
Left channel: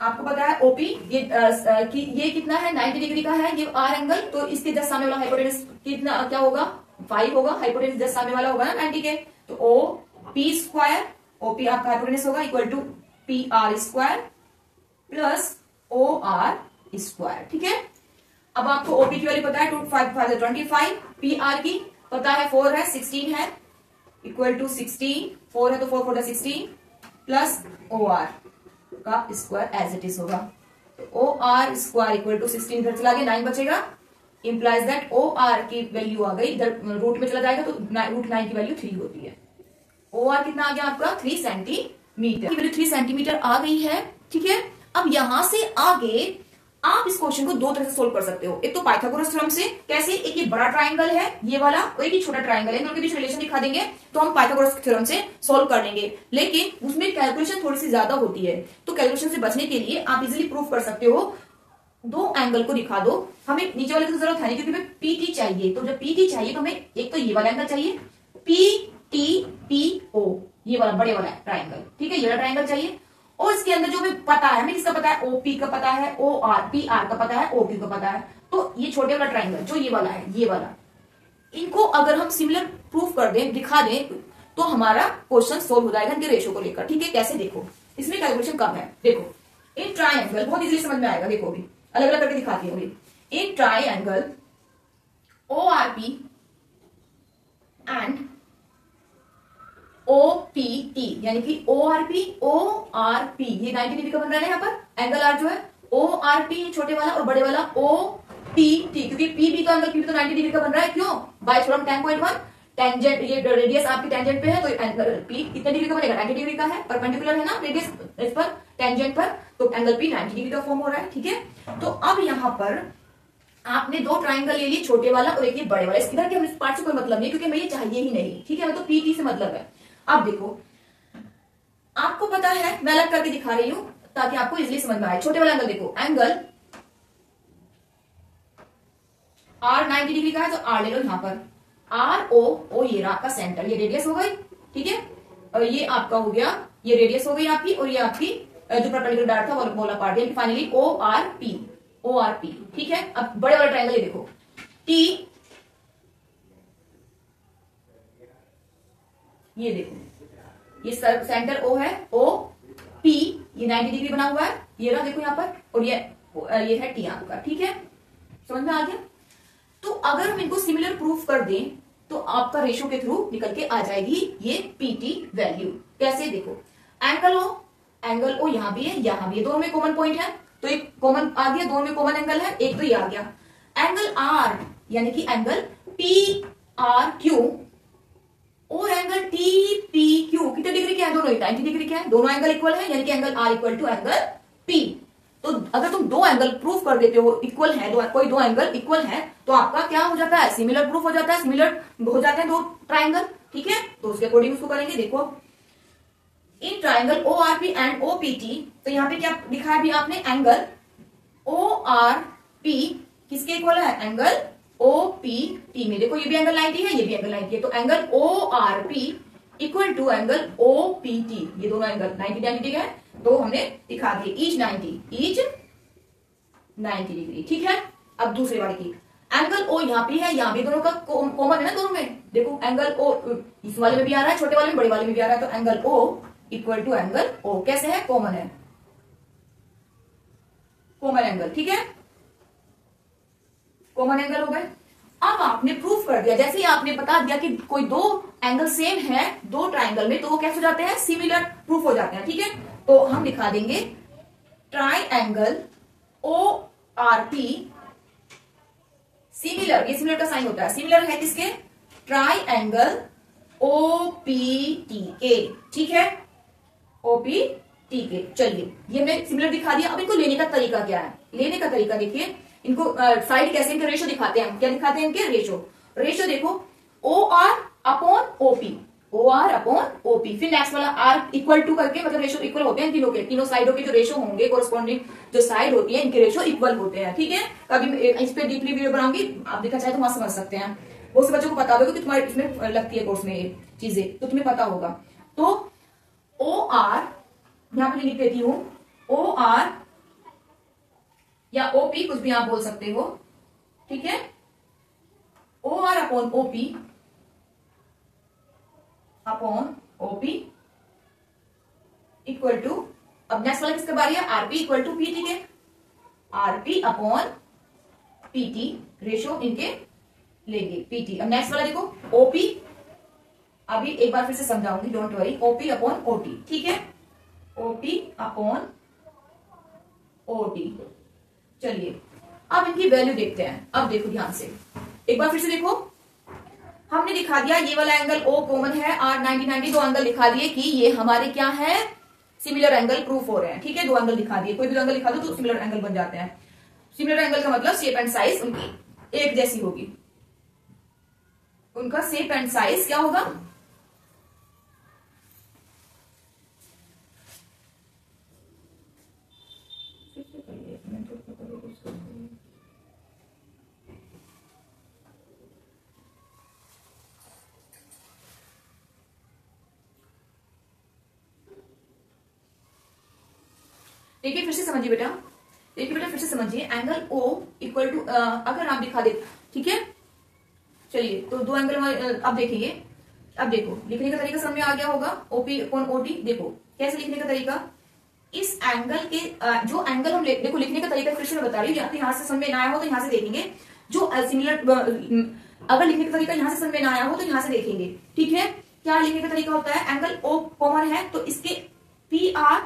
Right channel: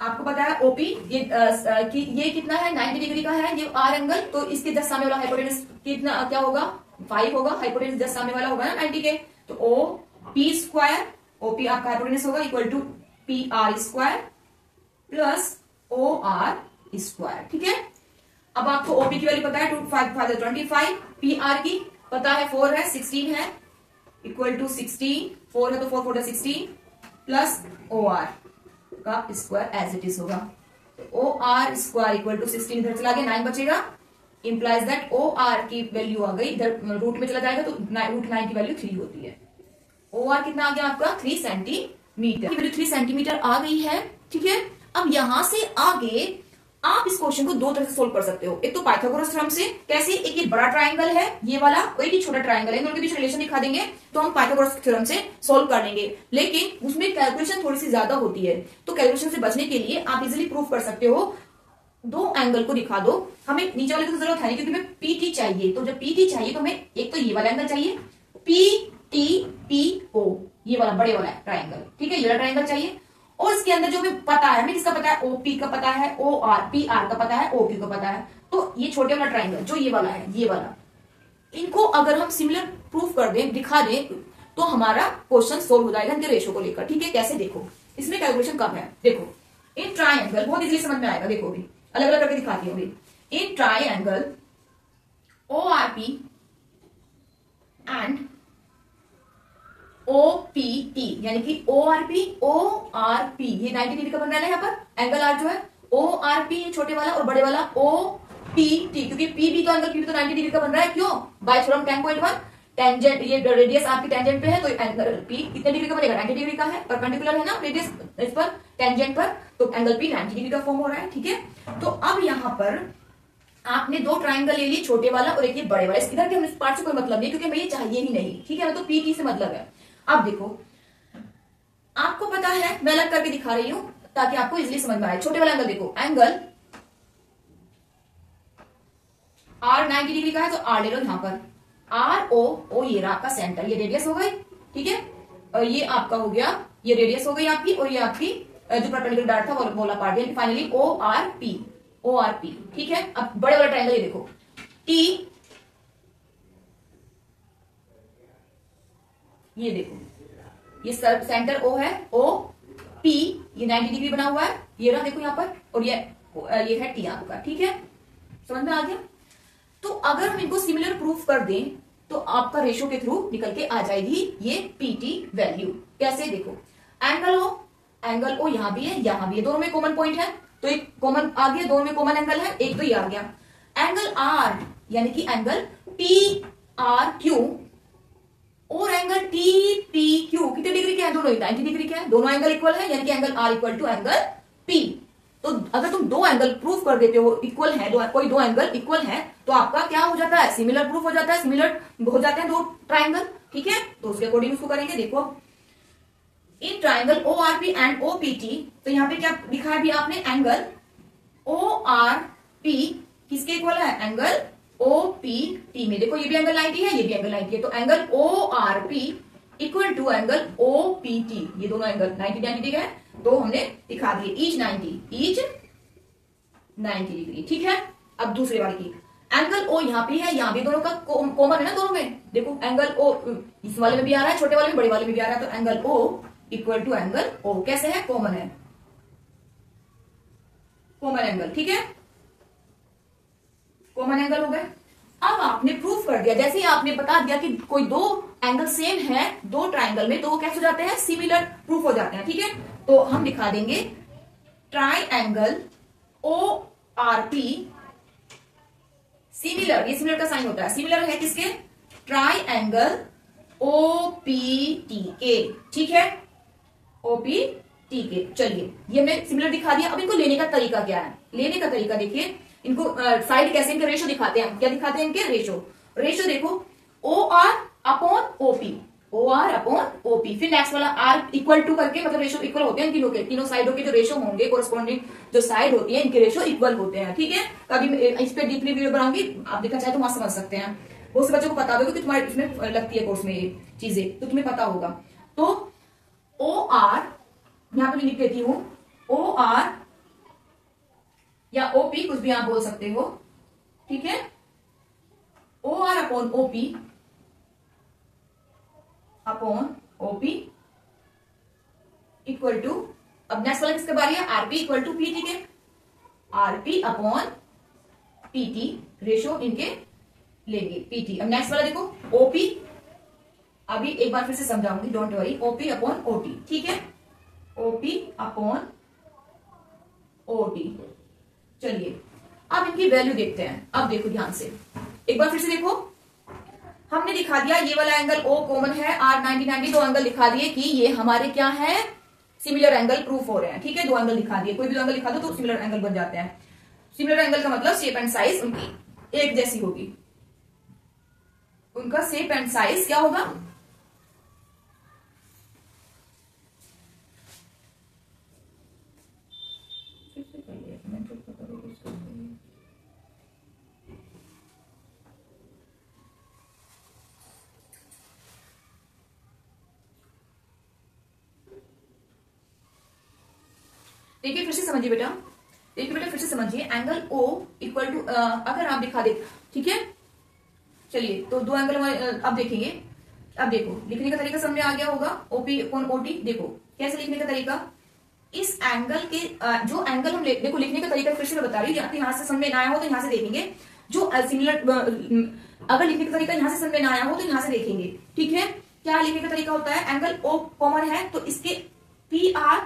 आपको पता है ओपी ये कितना है, 90 डिग्री का है ये आर एंगल, तो इसके जस्ट सामने वाला हाइपोटेनस कितना क्या होगा, 5 होगा, हाइपोटेनस जस्ट सामने वाला होगा ना 90 के, तो ओ पी स्क्वायर ओपी आपका हाइपोटेनस होगा equal to P R square plus O R square. ठीक है, अब आपको ओपी की वाली पता है 2 5 5 25, पी आर की पता है 4 है 16 है इक्वल टू 16, 4 है तो 4 4 16 प्लस ओ आर का स्क्वायर एज इट इज होगा, तो O R square equal to 16 इधर चला गया 9 बचेगा, इंप्लाइज दैट ओ आर की वैल्यू आ गई इधर रूट में चला जाएगा तो रूट 9 की वैल्यू 3 होती है। ओ आर कितना आ गया आपका 3 सेंटीमीटर, 3 सेंटीमीटर आ गई है। ठीक है, अब यहां से आगे आप इस क्वेश्चन को दो तरह से सोल्व कर सकते हो। एक तो पाइथागोरस थ्योरम से, कैसे, एक ये बड़ा ट्रायंगल है ये वाला और एक ही छोटा ट्रायंगल है, इन दोनों के बीच रिलेशन दिखा देंगे तो हम पाइथागोरस थ्योरम से सोल्व कर लेंगे। लेकिन उसमें कैलकुलेशन थोड़ी सी ज्यादा होती है, तो कैलकुलेशन से बचने के लिए आप इजिली प्रूव कर सकते हो, दो एंगल को दिखा दो। हमें नीचे वाले की जरूरत है नहीं क्योंकि हमें पीटी चाहिए, तो जब पीटी चाहिए तो हमें एक तो ये वाला एंगल चाहिए PTPO, ये वाला बड़े वाला ट्रायंगल, ठीक है, ये वाला ट्रायंगल चाहिए। और इसके अंदर जो हमें पता है, हमें किसका पता है, OP का पता है, PR का पता है, OQ का पता है। तो ये छोटे वाला ट्रायंगल जो ये वाला है, ये वाला, इनको अगर हम सिमिलर प्रूफ कर दें, दिखा दें, तो हमारा क्वेश्चन सोल्व हो जाएगा इनके रेशो को लेकर, ठीक है। कैसे, देखो इसमें कैलकुलेशन कम है। देखो इन ट्रायंगल, बहुत इजीली समझ में आएगा, देखो अभी अलग अलग करके दिखाती हूँ। In triangle ORP and OPT, यानी कि ORP ये 90 डिग्री का बन रहा है यहाँ पर एंगल आर जो है, ORP छोटे वाला और बड़े वाला OPT, क्योंकि PB का एंगल तो 90 डिग्री का बन रहा है, क्यों, बाय थ्योरम 10.1 टेंजेंट, ये रेडियस आपकी टेंजेंट पे है तो एंगल P कितने डिग्री का बनेगा, 90 डिग्री का है, परपेंडिकुलर है ना रेडियस इस पर टेंजेंट पर, तो एंगल P 90 डिग्री का फॉर्म हो रहा है, ठीक है। तो अब यहाँ पर आपने दो ट्राइंगल ले लिए, छोटे वाला और एक ये बड़े वाला, इधर के हम इस पार्ट से कोई मतलब नहीं क्योंकि हमें ये चाहिए ही नहीं, ठीक है, हमें तो PT से मतलब है। अब देखो आपको पता है, मैं अलग करके दिखा रही हूं ताकि आपको इजीली समझ में आए। छोटे वाला एंगल देखो, एंगल R 90 डिग्री का है तो R ले लो यहां पर, RO ये रहा आपका सेंटर, ये रेडियस हो गई, ठीक है, और ये आपका हो गया, ये रेडियस हो गई आपकी, और ये आपकी जो परपेंडिकुलर डार्ट था वो बोला पार्ट, यानी फाइनली ORP, ठीक है। अब बड़े वाला ट्रायंगल ये देखो, T, ये देखो ये सेंटर O है, OP, ये 90 डिग्री बना हुआ है, ये रहा देखो यहाँ पर, और ये है T आपका, ठीक है, समझ में आ गया। तो अगर हम इनको सिमिलर प्रूफ कर दें तो आपका रेशो के थ्रू निकल के आ जाएगी ये PT वैल्यू। कैसे, देखो एंगल O यहां भी है, यहां भी है, दोनों में कॉमन पॉइंट है, तो एक कॉमन आ गया, दोनों में कॉमन एंगल है, एक तो ये आ गया। एंगल R यानी कि एंगल PRQ और एंगल TPQ कितने डिग्री के हैं, दोनों 90 डिग्री के हैं, दोनों एंगल इक्वल है, यानी कि angle R equal to angle P। तो अगर तुम दो एंगल प्रूफ कर देते हो इक्वल है, कोई दो एंगल इक्वल है, तो आपका क्या हो जाता है, सिमिलर प्रूफ हो जाता है, सिमिलर हो जाते हैं दो ट्राइंगल, ठीक है। तो उसके अकॉर्डिंग उसको करेंगे। देखो in triangle ORP and OPT, तो यहाँ पे क्या लिखा है भी आपने, एंगल ORP किसके इक्वल है, एंगल OPT में। देखो ये भी एंगल 90 है, ये भी एंगल 90 है, तो angle ORP equal to angle OPT, ये दोनों एंगल 90 डिग्री है, तो हमने दिखा दिए ईच 90 डिग्री, ठीक है। अब दूसरे वाले की एंगल O यहाँ पे है, यहाँ भी दोनों का कॉमन है ना, दोनों में देखो एंगल O इस वाले में भी आ रहा है, छोटे वाले में, बड़े वाले में भी आ रहा है, तो angle O equal to angle O कैसे है, कॉमन है, कॉमन एंगल, ठीक है, कॉमन एंगल हो गए। अब आपने प्रूफ कर दिया, जैसे ही आपने बता दिया कि कोई दो एंगल सेम है दो ट्राइंगल में, तो वो कैसे हो जाते हैं, सिमिलर प्रूफ हो जाते हैं, ठीक है। तो हम दिखा देंगे ट्राइंगल ORP सिमिलर, ये सिमिलर का साइन होता है, सिमिलर है किसके, ट्राइंगल OPT के, ठीक है, OPT के। चलिए ये हमने सिमिलर दिखा दिया। अब इनको लेने का तरीका क्या है, लेने का तरीका देखिए, इनको साइड कैसे, इनके रेशो दिखाते हैं, क्या दिखाते हैं इनके रेशो देखो, OR अपॉन OP, फिर नेक्स्ट वाला R इक्वल टू करके, मतलब रेशो इक्वल होते हैं तीनों के, तीनों साइडों के जो रेशो होंगे, कोरस्पॉन्डिंग जो साइड होती है इनके रेशो इक्वल होते हैं, ठीक है। कभी इस पे डीपली वीडियो बनाऊंगी, आप देखना चाहे तो वहां समझ सकते हैं, बहुत से बच्चों को पता होगा कि तुम्हारे इसमें लगती है कोर्स में ये चीजें, तो तुम्हें पता होगा। तो OR यहां पर लिख देती हूं, OR या OP कुछ भी आप बोल सकते हो, ठीक है, OR upon OP equal to, अब नेक्स्ट वाला किसके बारी है, RP इक्वल टू PT के, RP अपॉन PT रेशो इनके लेंगे PT। अब नेक्स्ट वाला देखो OP, अभी एक बार फिर से समझाऊंगी, don't worry, OP upon OT, ठीक है, OP अपॉन OT। चलिए अब इनकी वैल्यू देखते हैं। अब देखो ध्यान से, एक बार फिर से देखो, हमने दिखा दिया ये वाला एंगल O कॉमन है, R 90 दो एंगल दिखा दिए कि ये हमारे क्या है, सिमिलर एंगल प्रूफ हो रहे हैं, ठीक है, दो एंगल दिखा दिए, कोई भी एंगल दिखा दो तो सिमिलर एंगल बन जाते हैं। सिमिलर एंगल का मतलब शेप एंड साइज उनकी एक जैसी होगी, उनका शेप एंड साइज क्या होगा, देखिए फिर से समझिए बेटा, देखिए बेटा फिर से समझिए, एंगल O इक्वल टू अगर आप दिखा दे, ठीक है, चलिए तो दो एंगल अब देखेंगे। अब देखो लिखने का तरीका समझ में आ गया होगा, OP अपॉन OT। देखो कैसे लिखने का तरीका, इस एंगल के जो एंगल हम देखो लिखने का तरीका फिर से मैं बता रही हूँ, यहाँ से समझ में ना आया हो तो यहाँ से देखेंगे, जो सिमिलर अगर लिखने का तरीका यहाँ से समझ में ना आया हो तो यहाँ से देखेंगे, ठीक है। क्या लिखने का तरीका होता है, एंगल O कॉमन है तो इसके PR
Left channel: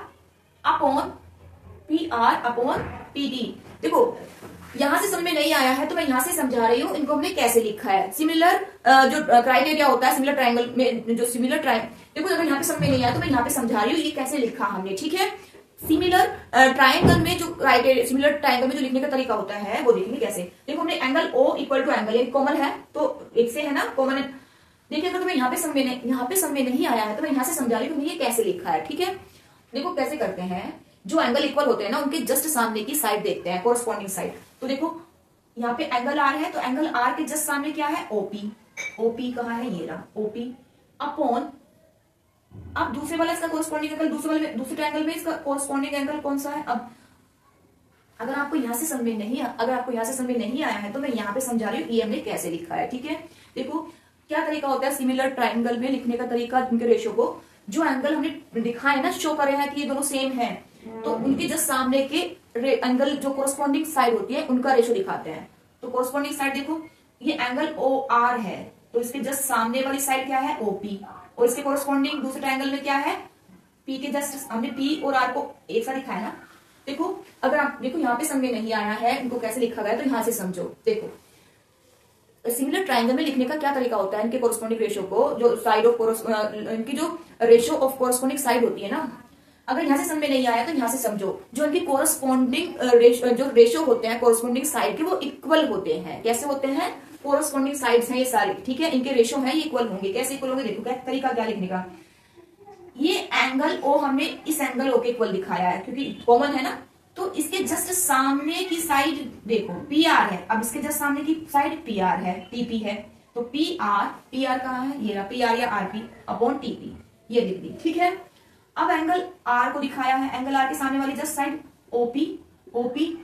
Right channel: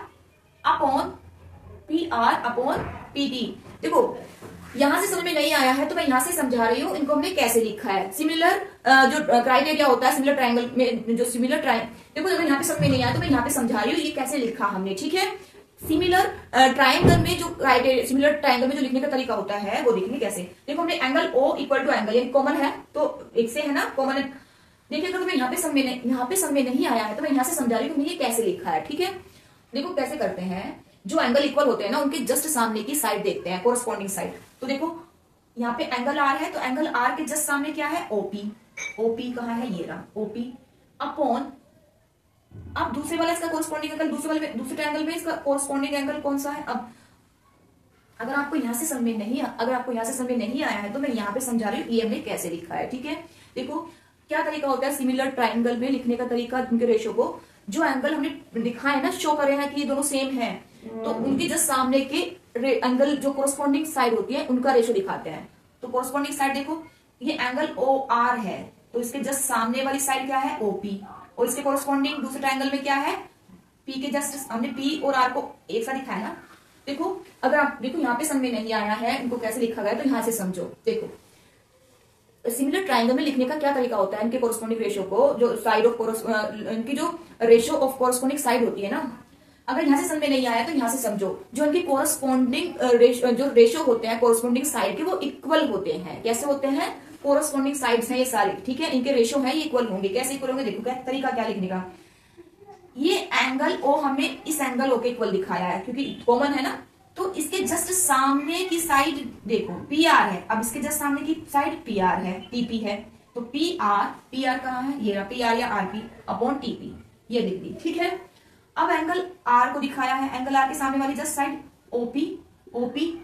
अपॉन PT। देखो यहां से समझ में नहीं आया है तो मैं यहां से समझा रही हूं, इनको हमने कैसे लिखा है। सिमिलर जो क्राइटेरिया होता है सिमिलर ट्रायंगल में, जो सिमिलर देखो अगर यहाँ पे समझ में नहीं आया तो मैं यहाँ पे समझा रही हूँ ये कैसे लिखा हमने, ठीक है। सिमिलर ट्रायंगल में जो क्राइटेरिया, सिमिलर ट्रायंगल में जो लिखने का तरीका होता है वो देखेंगे कैसे। देखो हमने angle O equal to angle, यानी कॉमन है तो एक से है ना, कॉमन है। देखिए अगर तुम्हें यहाँ पे समझ में नहीं आया है तो मैं यहाँ से समझा रही हूँ ये कैसे लिखा है, ठीक है। देखो कैसे करते हैं, जो एंगल इक्वल होते हैं ना उनके जस्ट सामने की साइड देखते हैं, कोरस्पॉन्डिंग साइड। तो देखो यहाँ पे एंगल R है तो एंगल R के जस्ट सामने क्या है, OP कहाँ है, ये रहा OP अपॉन, अब दूसरे वाला इसका कोरस्पॉन्डिंग एंगल, दूसरे ट्रायंगल में इसका कोरस्पॉन्डिंग एंगल कौन सा है। अब अगर आपको यहाँ से समझ में नहीं आया है तो मैं यहाँ पे समझा रही हूँ ये हमने कैसे लिखा है, ठीक है। देखो क्या तरीका होता है सिमिलर ट्रायंगल में लिखने का तरीका, उनके रेशो को, जो एंगल हमने दिखा है ना, शो कर रहे हैं कि ये दोनों सेम है, तो उनके जस्ट सामने के एंगल जो कोरस्पॉन्डिंग साइड होती है उनका रेशो दिखाते हैं। तो कोरस्पॉन्डिंग साइड देखो ये एंगल OR है तो इसके जस्ट सामने वाली साइड क्या है, OP, और इसके कोरस्पॉन्डिंग दूसरे ट्रायंगल में क्या है, P के जस्ट, हमने P और R को एक साथ दिखाया ना। देखो अगर आप देखो यहाँ पे समझ में नहीं आया है इनको कैसे लिखा गया तो यहाँ से समझो। देखो सिमिलर ट्रायंगल में लिखने का क्या तरीका होता है, इनके कोरस्पॉन्डिंग रेशो को, जो साइड ऑफ इनकी जो रेशो ऑफ कोरस्पॉन्डिंग साइड होती है ना, अगर यहाँ से समझ में नहीं आया तो यहाँ से समझो, जो इनकी कोरस्पॉन्डिंग जो रेशो होते हैं कोरस्पॉन्डिंग साइड के वो इक्वल होते हैं। कैसे होते हैं, कोरस्पॉन्डिंग साइड्स हैं ये सारे, ठीक है, इनके रेशो है ये इक्वल होंगे। कैसे इक्वल होंगे, देखो क्या तरीका क्या लिखने का, ये एंगल O हमने इस एंगल O के इक्वल दिखाया है क्योंकि कॉमन है ना, तो इसके जस्ट सामने की साइड देखो PR है, अब इसके जस्ट सामने की साइड PR है, TP है, तो PR कहाँ है, ये रहा PR या RP अपॉन TP, ये लिख दी, ठीक है। अब एंगल R को दिखाया है, एंगल R के सामने वाली जस्ट साइड OP,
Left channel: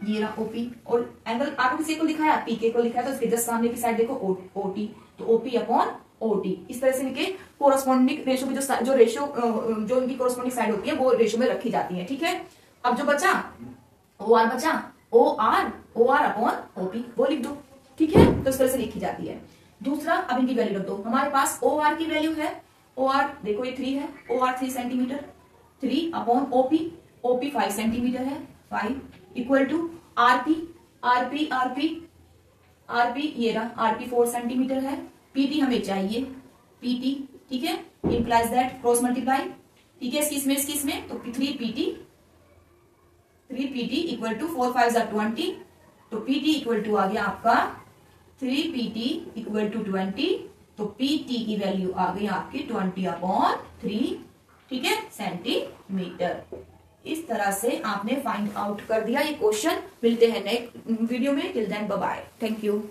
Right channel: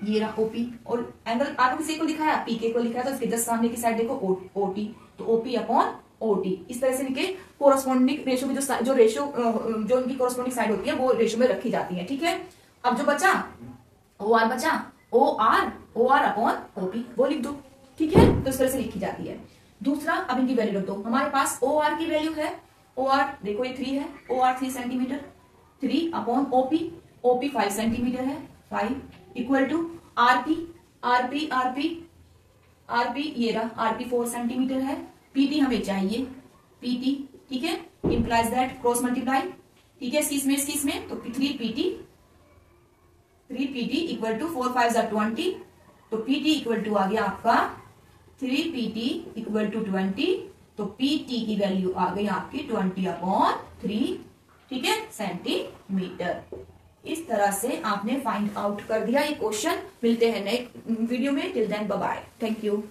ये रहा OP, और एंगल R को किसी को दिखाया, PK को दिखाया, तो इसके जस्ट सामने की साइड देखो OT, तो OP अपॉन OT। इस तरह से इनके कोरस्पॉन्डिंग रेशो की जो रेशो जो इनकी कोरस्पॉन्डिंग साइड होती है वो रेशो में रखी जाती है, ठीक है। अब जो बचा OR अपॉन OP वो लिख दो, ठीक है, तो इस तरह से लिखी जाती है। दूसरा अब इनकी वैल्यू रख दो, हमारे पास OR की वैल्यू है, OR देखो ये 3 है, OR 3 centimetre, 3 upon OP 5 centimetre है, 5 इक्वल टू RP ये रहा RP 4 सेंटीमीटर है, PT हमें चाहिए PT, ठीक है, इंप्लाइज दैट क्रॉस मल्टीप्लाई, ठीक है, इसमें तो 3PT इक्वल टू 4 5 20, तो PT इक्वल टू आ गया आपका 3PT इक्वल टू 20, तो PT की वैल्यू आ गई आपकी 20 अपॉन 3, ठीक है, सेंटीमीटर। इस तरह से आपने फाइंड आउट कर दिया ये क्वेश्चन। मिलते हैं नेक्स्ट वीडियो में, till then bye bye, thank you.